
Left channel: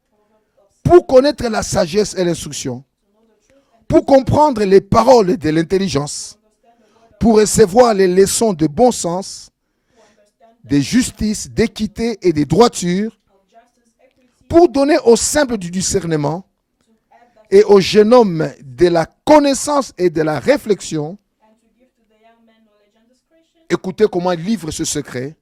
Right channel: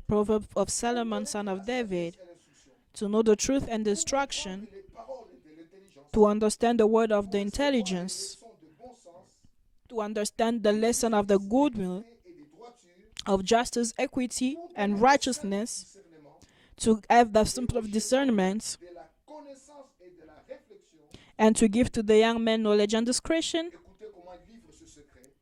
Proverbs of Solomon, Pour connaître son of la David, sagesse et l'instruction, to know the truth and the pour instruction, comprendre les paroles de l'intelligence, to understand the word of pour recevoir les intelligence, leçons de bon sens, to understand the de lesson of justice, the good news, d'équité et de droiture, of justice, equity, pour and donner aux simples du righteousness, discernement to have the et simple aux jeunes hommes discernment, de la connaissance et de la réflexion. and to give to the young men knowledge and discretion. Écoutez comment il livre ce secret.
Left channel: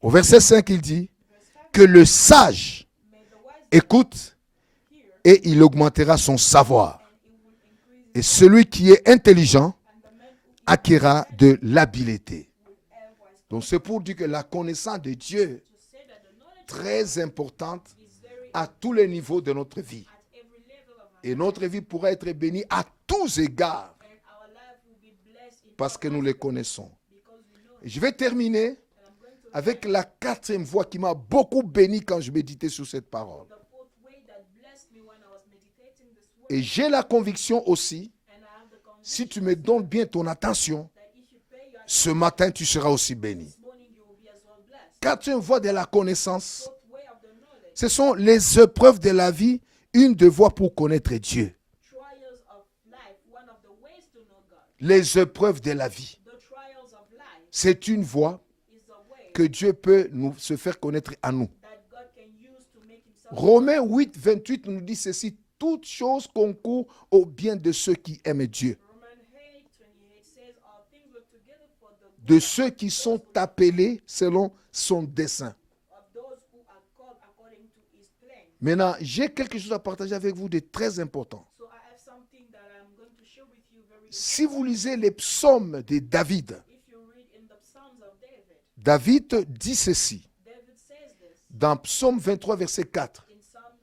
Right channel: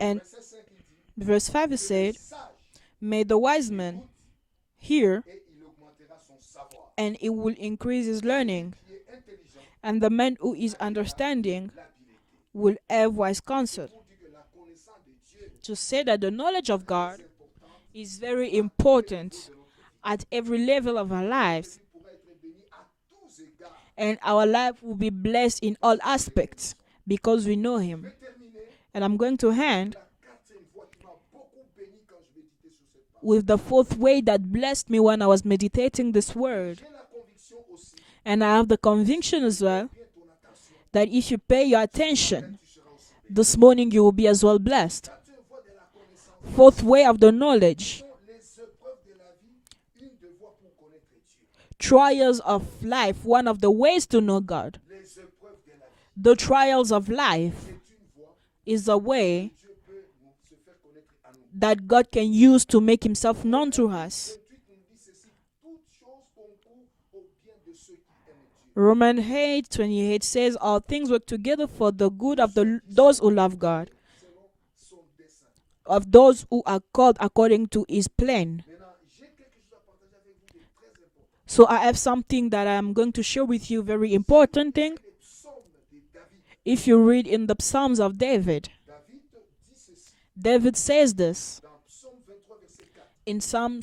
Au And verset 5, il dit verse 5 que it le says, sage may the wise man écoute hear, et il augmentera son savoir. and it will increase Et his celui learning, qui est intelligent and the man who is acquérera de understanding l'habileté. will have wise Donc c'est counsel. pour dire que la connaissance de Dieu To say that the knowledge est of God très importante is very à tous les important niveaux de notre vie. at every level of our Et notre lives, vie pourra être bénie à tous égards and our life will be blessed in parce all que nous les aspects connaissons. because we know Je Him. vais terminer And I'm going to avec end la quatrième voix qui m'a beaucoup béni quand je méditais sur cette parole. with the fourth way that blessed me when I was meditating this Et word. j'ai la conviction aussi, And I have the si tu conviction me as well donnes bien ton attention, that if you pay your ce matin attention, tu seras aussi béni. this morning you will be as well blessed. Quatrième voie de la connaissance, Fourth way of the knowledge, ce sont les épreuves de la vie, une des voies pour connaître Dieu. trials of life, one of the ways to know God. Les épreuves de la vie, The trials of life c'est une voie is a que way Dieu peut se faire connaître à nous. that God can use to make Himself known Romains to 8, us. 28 nous dit ceci: toutes choses concourent au bien de ceux qui aiment Dieu, Romans 8:28 says, "All things work together for the good de of ceux qui those who sont love God, appelés selon son dessein. of those who are called according to His plan." Maintenant, j'ai quelque chose à partager avec vous de très important. So I have something that I'm going to share with you, very Si vous important lisez thing. les psaumes de David, If you read in the Psalms of David, David dit ceci David says this dans Psaume 23, verset 4. in Psalms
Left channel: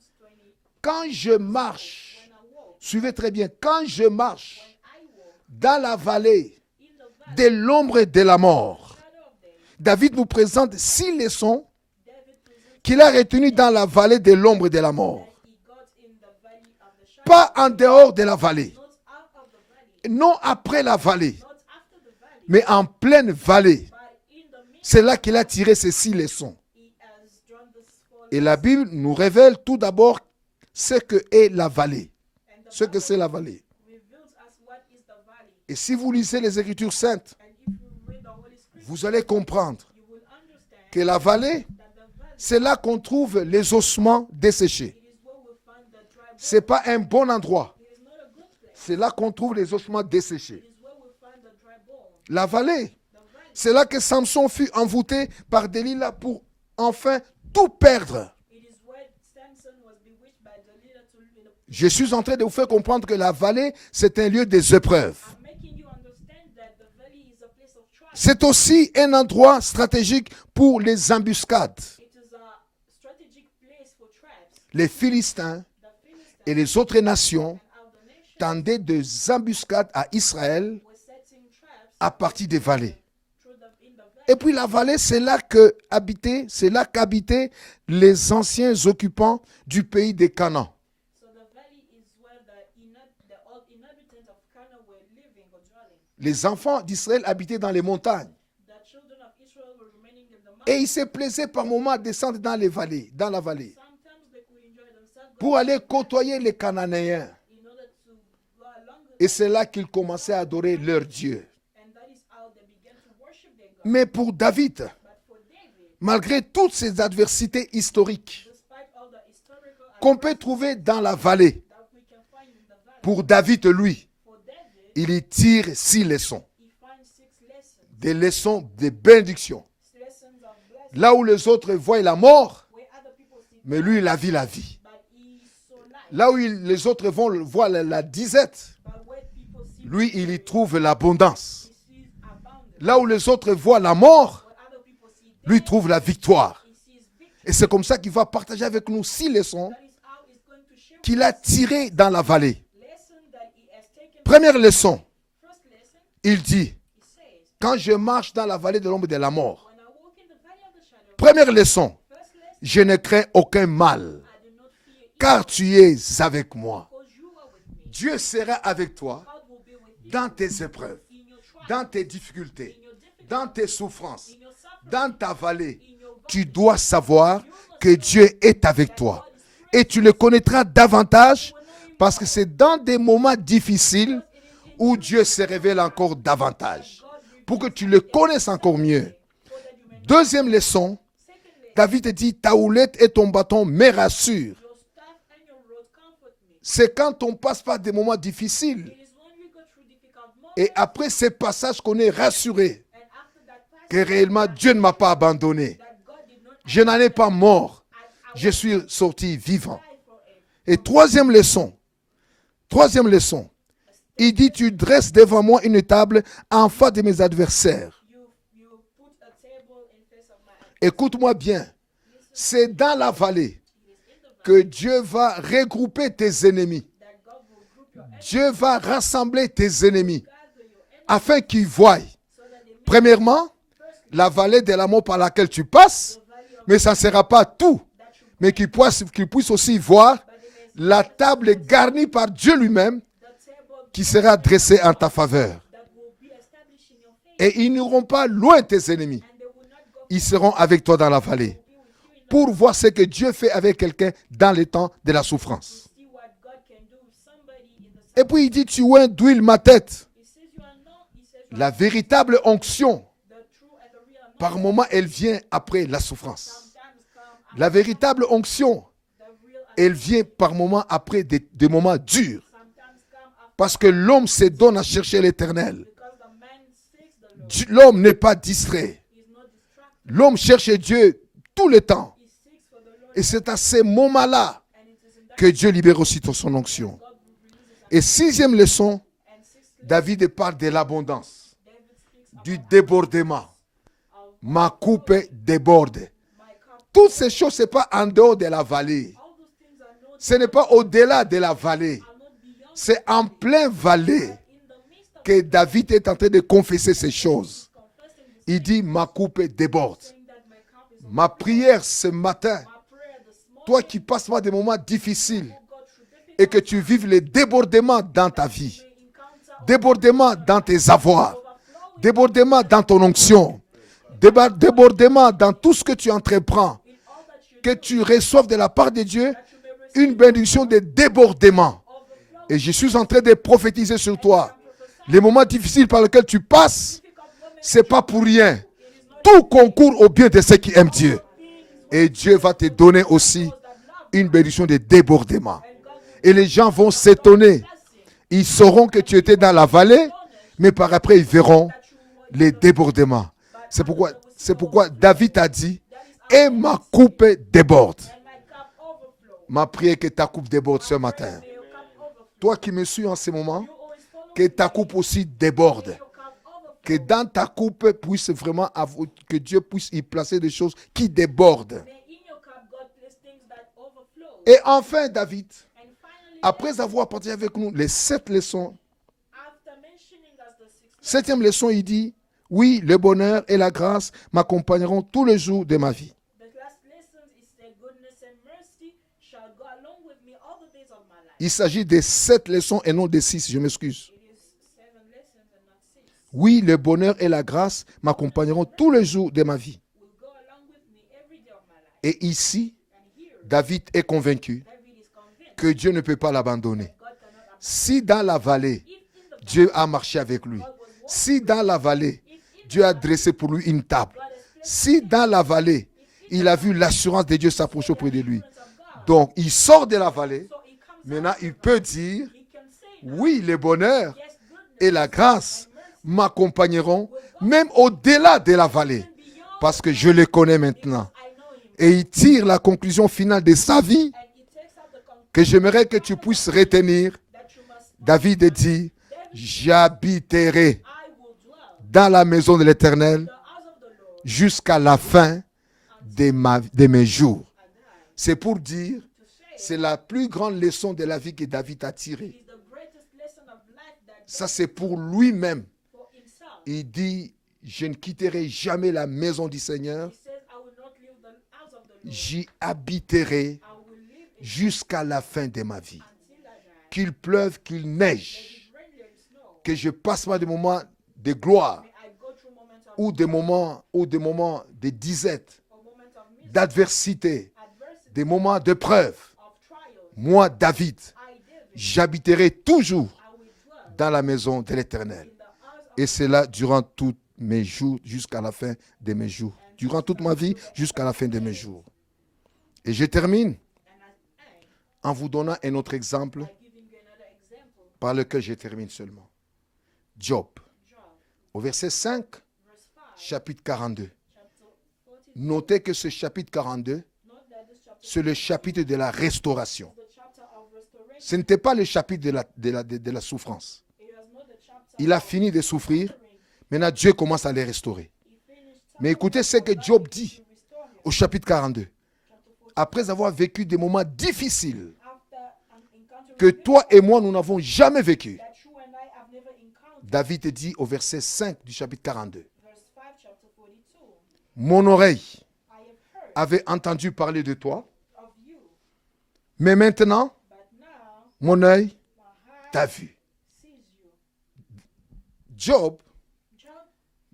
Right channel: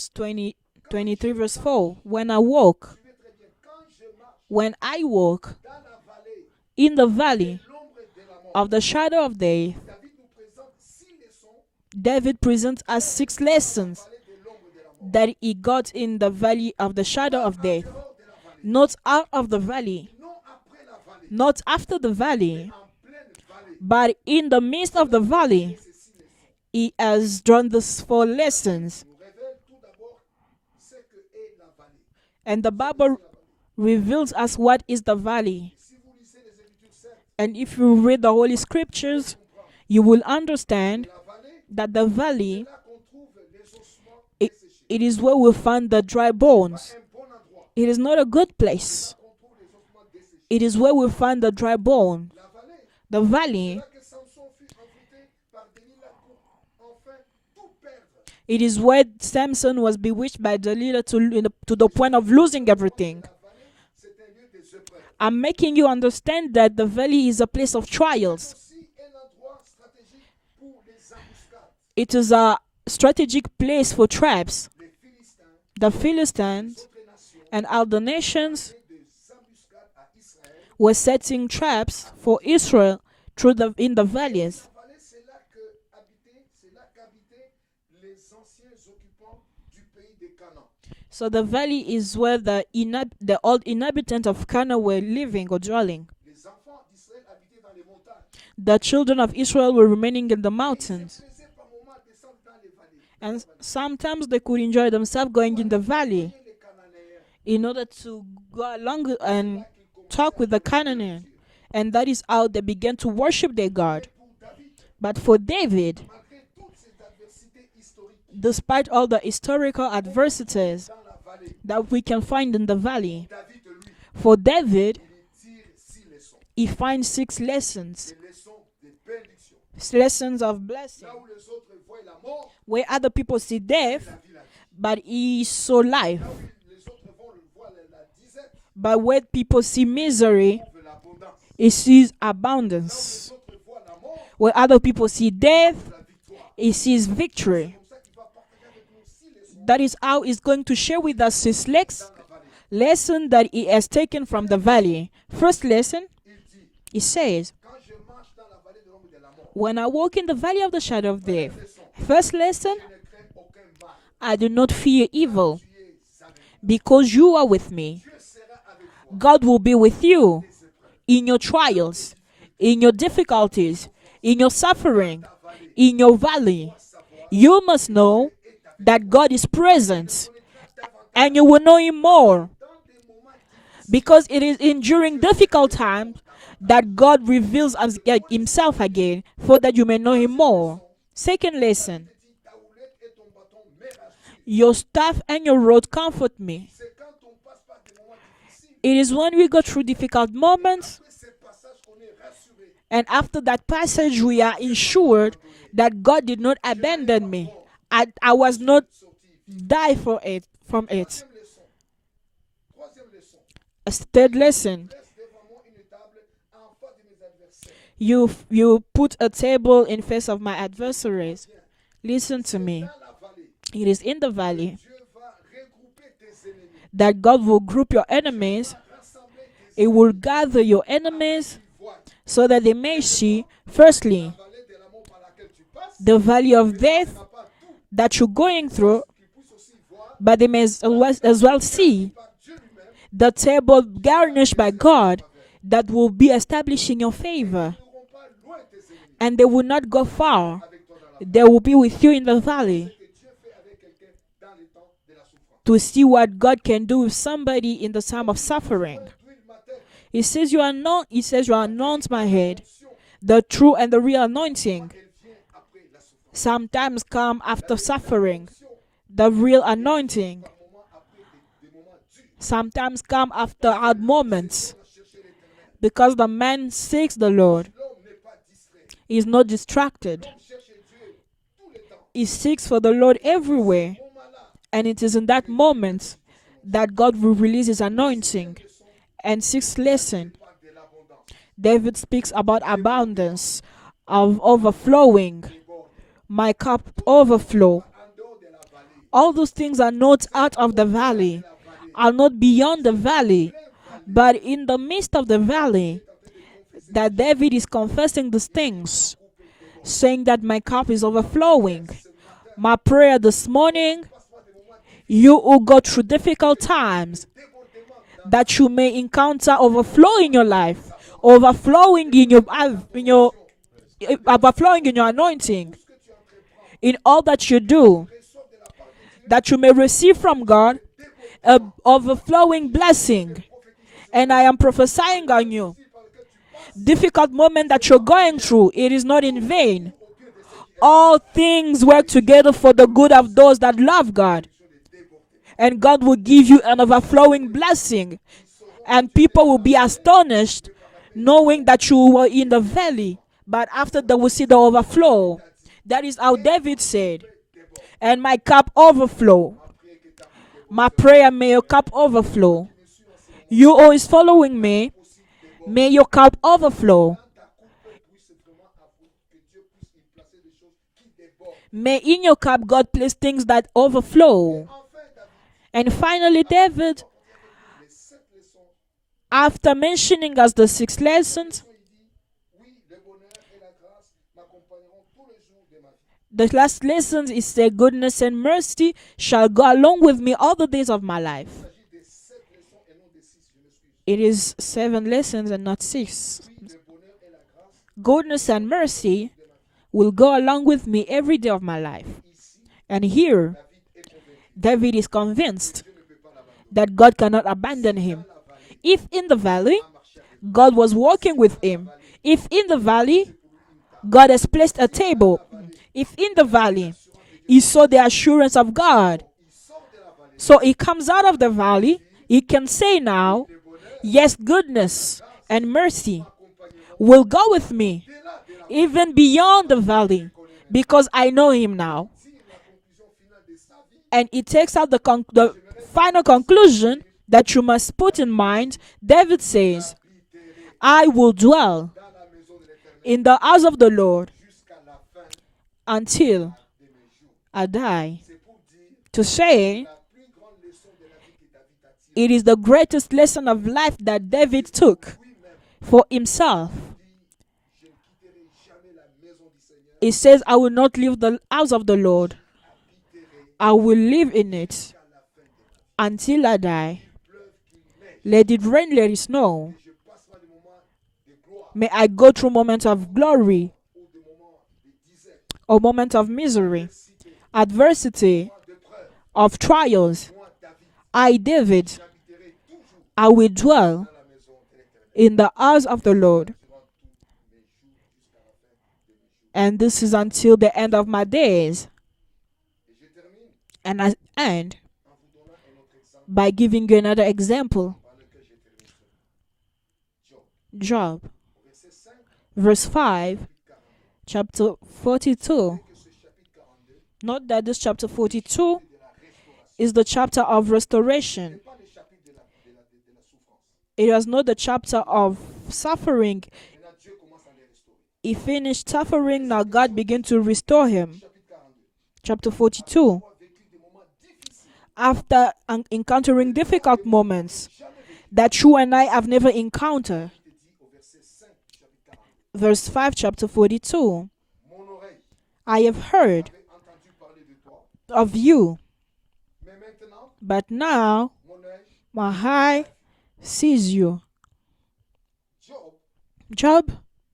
Quand 23 je verse 4. marche, When I walk, suivez très bien, quand je marche when I walk dans la vallée in the de valley l'ombre et de la of mort, the shadow of day, David nous présente 6 leçons David presents qu'il a us 6 retenues dans la lessons vallée de l'ombre et de la mort. that he got in the valley of the shadow Pas of en day. dehors de la vallée, Not out of the valley, non après la vallée, not after the valley, mais en pleine vallée. but in the midst C'est of là the qu'il a valley. tiré ces 6 leçons. He has drawn this 4 Et la Bible lessons. nous révèle tout d'abord ce que est la vallée, And the ce que c'est Bible la vallée. reveals us what is the valley. Et si vous lisez les Écritures saintes, And if you read the Holy vous allez Scriptures, comprendre you will que understand la vallée, that the valley, c'est là qu'on trouve les ossements desséchés. it is where we find the dry C'est bones. pas un bon endroit. It is not a good C'est place. là qu'on trouve les ossements desséchés. It is where we find the dry bone. La vallée, The valley, c'est là que Samson fut envoûté par Delilah pour enfin tout perdre. it is where Samson was bewitched by Delilah to Je the suis point en of train de losing faire comprendre que everything. la vallée, c'est un lieu des épreuves. I'm making you understand that the valley is a place of trials. C'est aussi un endroit stratégique pour les embuscades. It is a strategic place for traps. Les Philistins The et Philistines les autres nations and other nations tendaient des embuscades à Israël. were setting traps À for partir des Israel in the Et puis valleys. la vallée, c'est là qu'habitaient les anciens occupants du pays de Canaan. So the valley is where the old inhabitants of Canaan were living or dwelling. Les enfants d'Israël habitaient dans les montagnes. The children of Israel were remaining in the Et ils se mountains. plaisaient par moments à descendre dans les vallées, dans la vallée, Sometimes they could enjoy themselves going pour in aller the valley côtoyer les Cananéens. in order to go along Et c'est and là qu'ils commençaient talk à with the adorer leur Canaanites. Dieu. And that is how they began to worship their God. Mais pour David, But for David, malgré toutes ces adversités historiques despite all the historical qu'on peut trouver adversities dans la vallée, that we can find in the valley, pour David, lui, for David, il y tire 6 leçons. he finds 6 lessons. Des leçons de bénédiction. Lessons of blessing. Là où les autres voient la mort, Where other people see mais lui, death, il a vu la vie. but he saw life. Là où les autres voient la disette, But where people see lui, il y misery, trouve l'abondance. he sees abundance. Là où les autres voient la mort, Where other people see lui death, trouve la victoire. he sees Et victory. c'est comme ça qu'il va partager avec nous 6 leçons That is how he's going to share with qu'il a us his tirées dans la vallée. lesson that he has taken Première from the leçon. valley. First lesson, Il dit, he says, quand je marche dans la vallée de l'ombre de la mort, when I walk in the valley of the shadow of première death. leçon, First lesson, je ne crains aucun mal, I do not fear car evil tu es avec moi. because you are with me. Dieu sera avec toi God will be with dans you tes épreuves, in your dans trials, tes difficultés, in your dans tes difficulties, souffrances, in your dans suffering, ta vallée. in your Tu valley. dois savoir You must que know Dieu est avec that toi. God is Et tu le present, connaîtras davantage and you will know Him parce que more, c'est dans des moments difficiles because it is in où during Dieu se difficult révèle encore times davantage. that God pour reveals que tu le connaisses himself encore mieux. again, for that you may know him Deuxième more. leçon, Second lesson, David dit, ta houlette et ton bâton me rassurent. your staff and your rod comfort me. C'est quand on passe par des moments difficiles. It is when we go through difficult Et moments, après ces passages qu'on est rassuré and after that que passage, we réellement are Dieu ne m'a pas assured abandonné. that God did not Je n'en ai pas abandon me. mort. I Je was suis not sorti vivant. die for it. Et from it. troisième leçon, A il third dit, tu lesson, dresses devant moi une table en face de mes adversaires. you put a table in face of my Écoute-moi adversaries. bien, Listen to c'est me. dans la vallée It is in the que valley Dieu va regrouper tes ennemis. that God will group your Dieu enemies. va rassembler tes He will ennemis gather your afin enemies qu'ils voient so that they may see, Premièrement, firstly, la vallée de la mort par laquelle tu passes, the valley of mais ça ne death sera pas tout. that you're Mais going through, qu'ils puissent aussi voir but they may la as table well garnie see par Dieu lui-même the table qui sera garnished by dressée en ta God faveur. that will be established in your Et ils favor, n'iront pas loin tes ennemis. and they will not go Ils seront far. avec toi dans la They vallée will be with you in the pour voir ce valley que Dieu fait avec quelqu'un dans les temps de la souffrance. to see what God can do with somebody in the Et time of puis il dit, tu suffering. oins d'huile ma tête. He says you are not. He says you are La anoint my véritable head. onction, The true and the real par anointing moment, elle vient après la souffrance. sometimes come La after véritable suffering. onction, The real elle vient anointing par moment après des moments durs. sometimes come after Parce que hard l'homme se moments. donne à chercher l'éternel. Because the man seeks the Lord. L'homme n'est pas distrait. He is not distracted. L'homme cherche Dieu tout le temps. He seeks for the Lord Et c'est à ces everywhere. moments-là And it is in that que Dieu libère moment aussi son onction. that God will release his Et sixième anointing. leçon, And sixth David lesson, parle de l'abondance. David speaks about débordement. abundance, of Ma coupe overflowing. déborde. My cup Toutes ces choses, ce n'est overflow. pas en dehors de la vallée. All those things are not Ce n'est out pas of the au-delà de valley, la vallée. are not beyond the C'est en valley, plein vallée but in the midst of que the David valley est en train de confesser that ces David choses. is confessing these Il dit, ma things, coupe déborde. saying that my cup is Ma overflowing. prière ce matin, My prayer this toi qui morning, passes par des moments difficiles you who go through et que difficult tu vives les times, débordements dans ta that you vie, may encounter overflow débordements in your dans life, tes avoirs, overflowing in your, débordements dans ton onction, overflowing in your débordements dans anointing, tout ce que tu entreprends, in all that you que do, tu reçoives de la part de Dieu that you may une receive from bénédiction de God débordement. an Et overflowing je suis en train de blessing. prophétiser sur And I toi. am prophesying Les moments on you. difficiles par lesquels tu passes, Difficult moment c'est that you're pas pour going rien. through, it is not tout in vain. concourt au bien de ceux qui aiment All Dieu. things Et work Dieu together va te for the donner good of aussi those that love Une God. bénédiction de débordement. And God will Et les give you gens an vont overflowing s'étonner. blessing. Ils sauront que And tu étais people dans la will be vallée, astonished, mais par après ils knowing verront that you were les in the valley. débordements. But C'est after pourquoi, they will see c'est the pourquoi overflow. David a dit, That is how et ma David said, coupe déborde. and my cup overflow. Ma prière que ta coupe déborde My ce prayer, matin. may your cup Toi overflow. qui me suis en ce moment, You always que following ta me, coupe aussi déborde. may your cup Que overflow. dans ta coupe puisse vraiment que Dieu puisse y placer des choses qui débordent. May in your cup God place things that overflow. Et enfin, David, And finally, après David, avoir partagé avec nous les 7 leçons, after mentioning us the sixth septième lesson, leçon, il dit, oui, le bonheur et la grâce m'accompagneront tous les jours de ma vie. the last lesson is say goodness and mercy shall go along with me all the days of my Il life. s'agit de 7 leçons et non de 6, je m'excuse. It is 7 lessons and not 6. Oui, le bonheur et la grâce Goodness and m'accompagneront tous les mercy jours de ma vie. Will go along with me every day of my life. Et ici, And here, David est convaincu David is que convinced Dieu ne peut pas l'abandonner. that God cannot abandon Si dans him. la vallée, If in the Dieu valley, a marché avec lui. God was walking Si with dans la him. vallée, If in the Dieu a valley, dressé pour lui une table. God has placed a Si dans table. la vallée, If in il the a vu valley, l'assurance de Dieu he saw s'approcher the auprès de lui. assurance of God. Donc, il sort de la vallée. So he comes out Maintenant, of the il peut valley. dire, He can say now, Oui, le bonheur yes, et goodness la grâce and mercy m'accompagneront will go même with me, au-delà de la vallée. even beyond Parce the que je valley, le connais maintenant. because I know him Et now. il tire la conclusion finale de sa vie And he takes out the, que j'aimerais que tu final puisses conclusion retenir. that you must put in David mind. dit, David says, j'habiterai I will dwell dans la maison de in l'Éternel the house of the Lord jusqu'à la fin until de mes jours. I die. C'est pour dire, To c'est say, la plus grande leçon de la vie que David a tirée. it is the greatest lesson of life that Ça, c'est David pour took lui-même. for himself. Il dit, je ne quitterai jamais la maison du Seigneur. He says, I will not leave the house of the Lord. J'y habiterai I will live in it jusqu'à la fin de ma vie. until I die. Qu'il pleuve, qu'il neige, Let it rain, let it snow. que je passe par des moments de gloire May I go through moments of ou glory des moments de disette, or moment of misery, d'adversité, des adversity, moments de preuve, of trials, moi, David, I, David, j'habiterai toujours I will dwell dans la maison de l'Éternel. in the house of Et the cela Lord. durant tous mes jours, jusqu'à la fin de mes jours. And this Durant is toute ma until vie, the end jusqu'à of la my fin de mes jours. days. Et je termine And I end en vous donnant un autre exemple by giving you another example. par lequel je termine seulement. Job, Job, au verset 5, verse 5, chapitre 42. chapter 42. Notez que ce chapitre 42, Note that this chapter c'est le chapitre 42 de la restauration. is the chapter of Ce restoration. n'était pas le chapitre de la souffrance. It was not the chapter Il a of fini de souffrir. suffering. Maintenant, Dieu commence à les restaurer. He finished Mais écoutez suffering, ce now que God Job began dit to restore him. Au chapitre 42, Chapter après 42. avoir vécu des moments difficiles After que encountering toi et difficult moi, nous n'avons moments jamais vécu, that you and I have never encountered. David dit au verset 5 du chapitre 42, Verse 5, chapter 42. mon oreille I have heard avait entendu parler de toi, of you, mais maintenant, but now mon œil my t'a eye vu. sees you. Job Job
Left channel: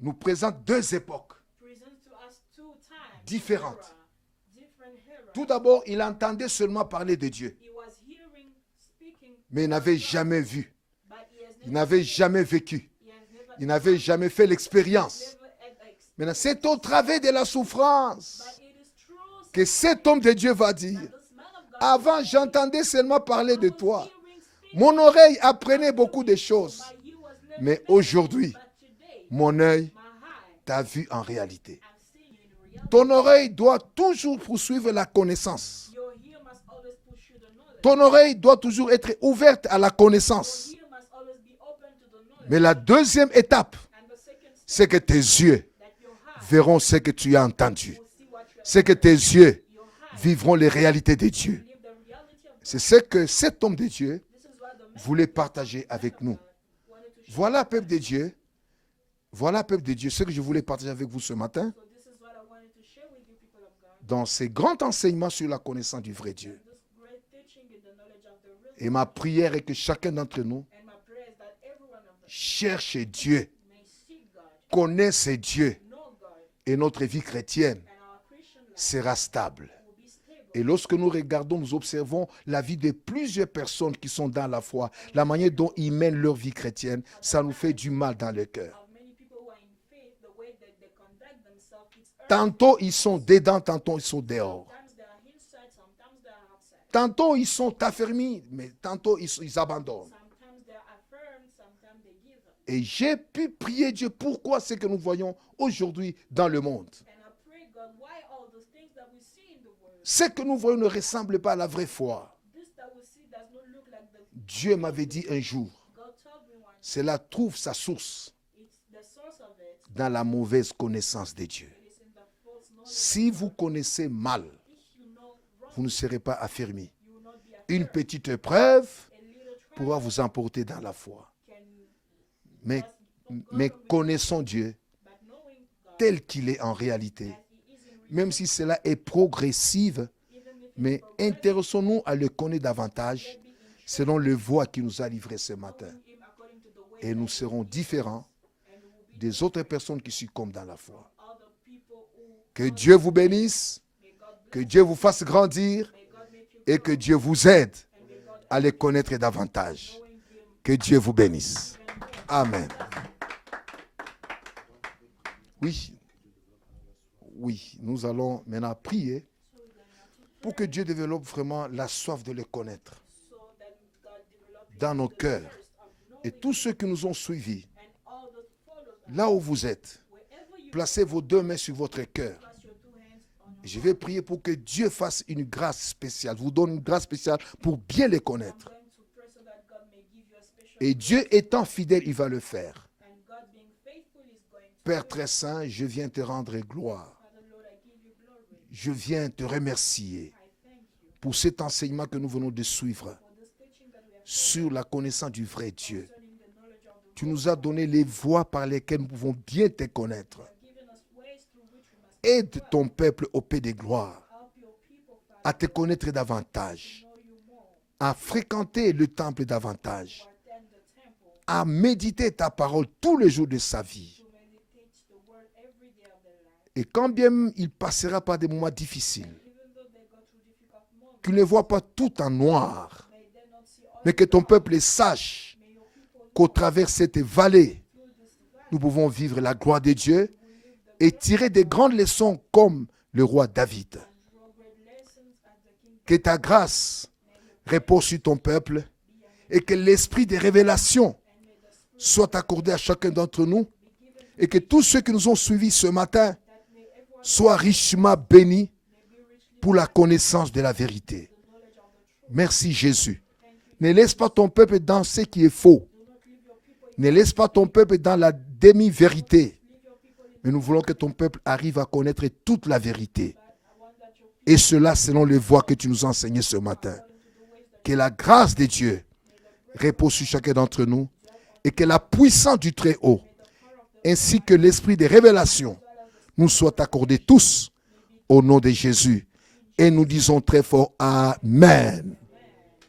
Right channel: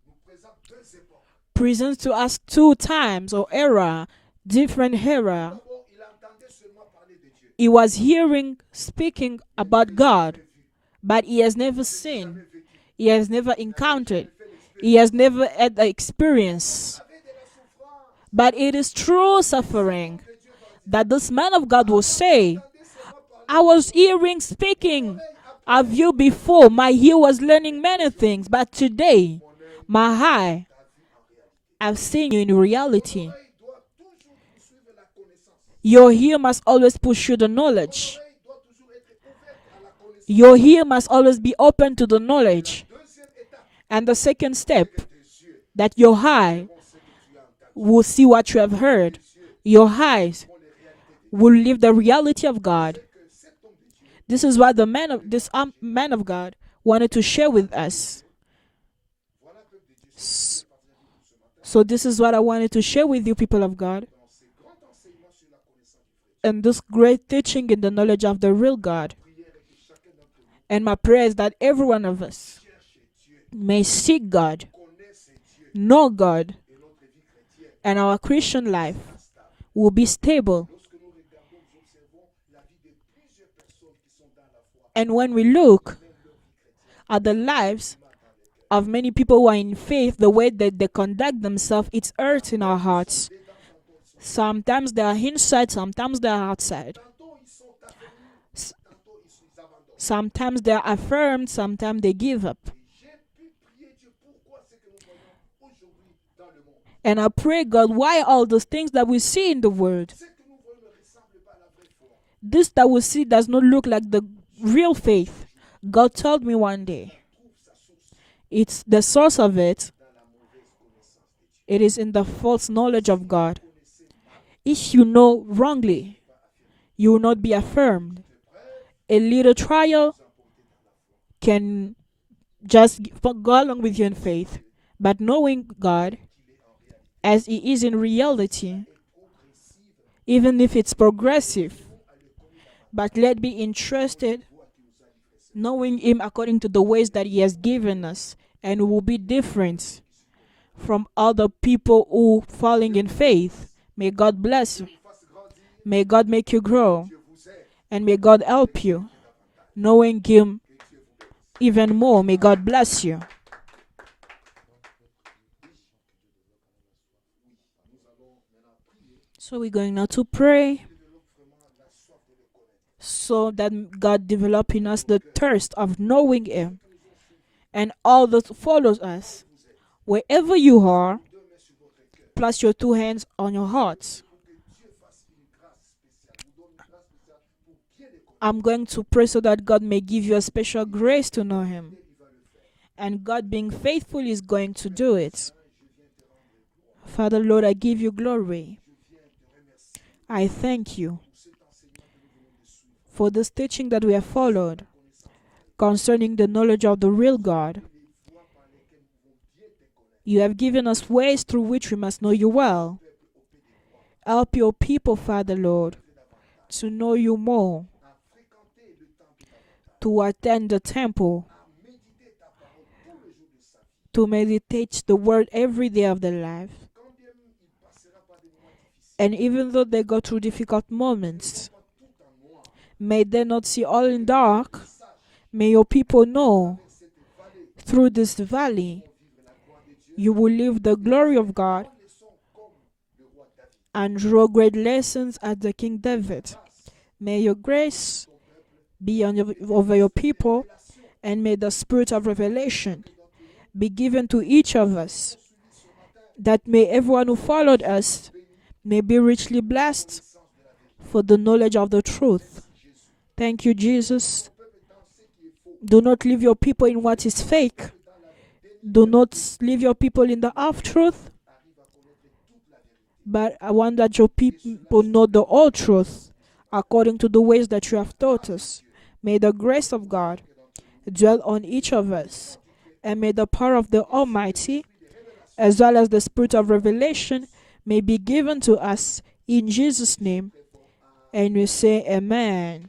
nous présente deux époques. presents to us two times or Différentes. era, different Tout era. d'abord, il entendait seulement parler de Dieu, He was hearing, speaking mais il about n'avait God, jamais vu, but he has il never n'avait seen. jamais vécu, He has never il n'avait jamais encountered. fait He has l'expérience. never had the C'est au experience. travers de la souffrance But it is true que cet suffering homme de Dieu va dire, that this man of God will avant say, j'entendais seulement parler I de was toi. hearing, Mon speaking oreille apprenait of you beaucoup de before. choses. My ear was learning Mais many aujourd'hui, things. But today, Mon œil my eye, t'a vu en réalité. I've seen you in Ton reality. oreille doit toujours poursuivre la connaissance. Your ear must always pursue the knowledge. Ton oreille doit toujours être ouverte à la connaissance. Your ear must always be open to the Mais la knowledge. deuxième étape, And the second c'est step, que tes yeux that your eye verront ce que tu as entendu. will see what you have C'est que tes heard. yeux Your eyes vivront les réalités de will Dieu. live the reality of C'est God. ce que cet homme de Dieu, This is what the man voulait of this partager man avec of nous. God wanted to share voilà with peuple de us. Dieu. Voilà peuple de Dieu, ce que je voulais partager avec vous ce matin. So this is what I wanted to share with you, people of God. Dans ces grands enseignements sur la connaissance du vrai Dieu. And this great teaching in the knowledge of the real Et ma God. prière est que chacun d'entre nous And my prayer is that every one of us cherche Dieu, may seek God, connaisse Dieu, know God, et notre vie chrétienne and our Christian life sera stable. will be Et stable. lorsque nous regardons, nous observons la vie de plusieurs personnes qui sont dans la foi, And la when we manière dont look ils mènent leur vie chrétienne, at the ça nous fait lives du mal dans le cœur. Of many people who are in faith, the way that they conduct themselves, it's hurt in Tantôt our ils sont hearts. dedans, tantôt ils sont dehors. Sometimes they are inside, sometimes they are outside. Tantôt ils sont affermis, mais tantôt ils abandonnent. Sometimes they are affirmed, sometimes they give up. Et j'ai pu prier Dieu, pourquoi ce que nous voyons aujourd'hui dans le monde. And I pray, God, why all those things that we see in the world, Ce que nous voyons ne ressemble pas à la vraie foi. this that we see does not look like the Dieu real m'avait dit faith. un jour, God told me one day, cela trouve sa source it's the source of it. dans la mauvaise connaissance de Dieu. It is in the false knowledge of Si vous God. connaissez mal, If you know vous ne wrongly, serez pas affermi. you will not be Une affirmed. petite épreuve A little pourra trial vous emporter dans la foi. can Mais- just go Mais along with you in connaissons faith. Dieu But knowing God tel qu'il est en réalité. as He is in Même si reality, cela est progressive, even if it's mais progressive, intéressons-nous à le connaître but davantage let's be selon le interested, voie qu'il nous a livré ce matin. knowing Him according to the ways Et that nous He has serons given différents us, and we will be Des autres different personnes qui succombent dans la foi. from other people who Que falling Dieu in vous faith. bénisse, May God que bless Dieu you. vous fasse grandir May God make you et que grow, Dieu vous aide and may God à le help you, connaître davantage. knowing Him Que Dieu vous bénisse. even more. May Amen. God bless you. Oui. Oui, nous allons maintenant prier So we're going now to pour que pray Dieu développe vraiment la soif de le connaître. so that God develop in Dans us nos the cœurs. thirst of Et knowing tous ceux Him, qui nous ont suivis, and all that follows là où us. vous êtes, Wherever you placez are, vos deux mains sur votre cœur. place your two hands on your Je vais heart. prier pour que Dieu fasse une grâce spéciale, vous donne une grâce spéciale pour bien les connaître. I'm going to pray so that God may give you a special Et Dieu grace to know étant Him. fidèle, il va le faire. And God being faithful is going to Père do très it. saint, je viens te rendre gloire. Father, Lord, I give you glory. Je viens te remercier I thank you pour cet enseignement que nous venons de suivre for this teaching that we have sur followed la connaissance du vrai Dieu. concerning the knowledge of the Tu real nous as God. donné les voies par lesquelles nous pouvons bien te connaître. You have given us ways through which we must know Aide you ton well. peuple au paix des gloires Help your people, à Father, te Lord, connaître davantage, to know you more, à fréquenter le temple davantage, to attend the temple, à méditer ta parole tous les jours de sa vie. to meditate the word every day of their life. Et quand bien même il passera par des moments difficiles, And even though they go through difficult qu'il ne voit moments, pas tout en noir, may they not see all mais in que ton dark. peuple sache May your people qu'au know travers de cette vallée, through this nous valley, pouvons vivre la gloire de Dieu you will live the et glory tirer of des God grandes leçons comme le roi David. and draw great lessons at the King Que ta David. grâce May your repose sur grace ton peuple be on your, et que over your l'esprit de people, révélation and may the spirit of soit accordé à revelation chacun d'entre nous be given to et que each tous of ceux qui nous ont us, suivis ce matin that may everyone who soient followed richement us bénis may be richly pour la blessed connaissance de la vérité. for the knowledge of the truth. Merci Jésus. Thank you, Ne laisse pas Jesus. ton peuple dans ce qui est faux. Do not leave your people in Ne what laisse is pas ton fake. peuple dans la Do not demi-vérité. leave your people in the Nous voulons half que ton truth, peuple arrive à connaître toute la vérité. but I want that your people Et cela will selon know les the voies whole que tu nous truth enseignes ce matin. according to the ways that Que you la have grâce taught de us. Dieu May the grace of repose sur God chacun d'entre nous dwell on et que each la of us, puissance du Très-Haut and may the power of the ainsi que Almighty, l'esprit de révélation as well as the nous spirit of soit accordé revelation, tous may be au nom given de to us Jésus. in Et nous Jesus' disons name. très fort And we say Amen. Amen.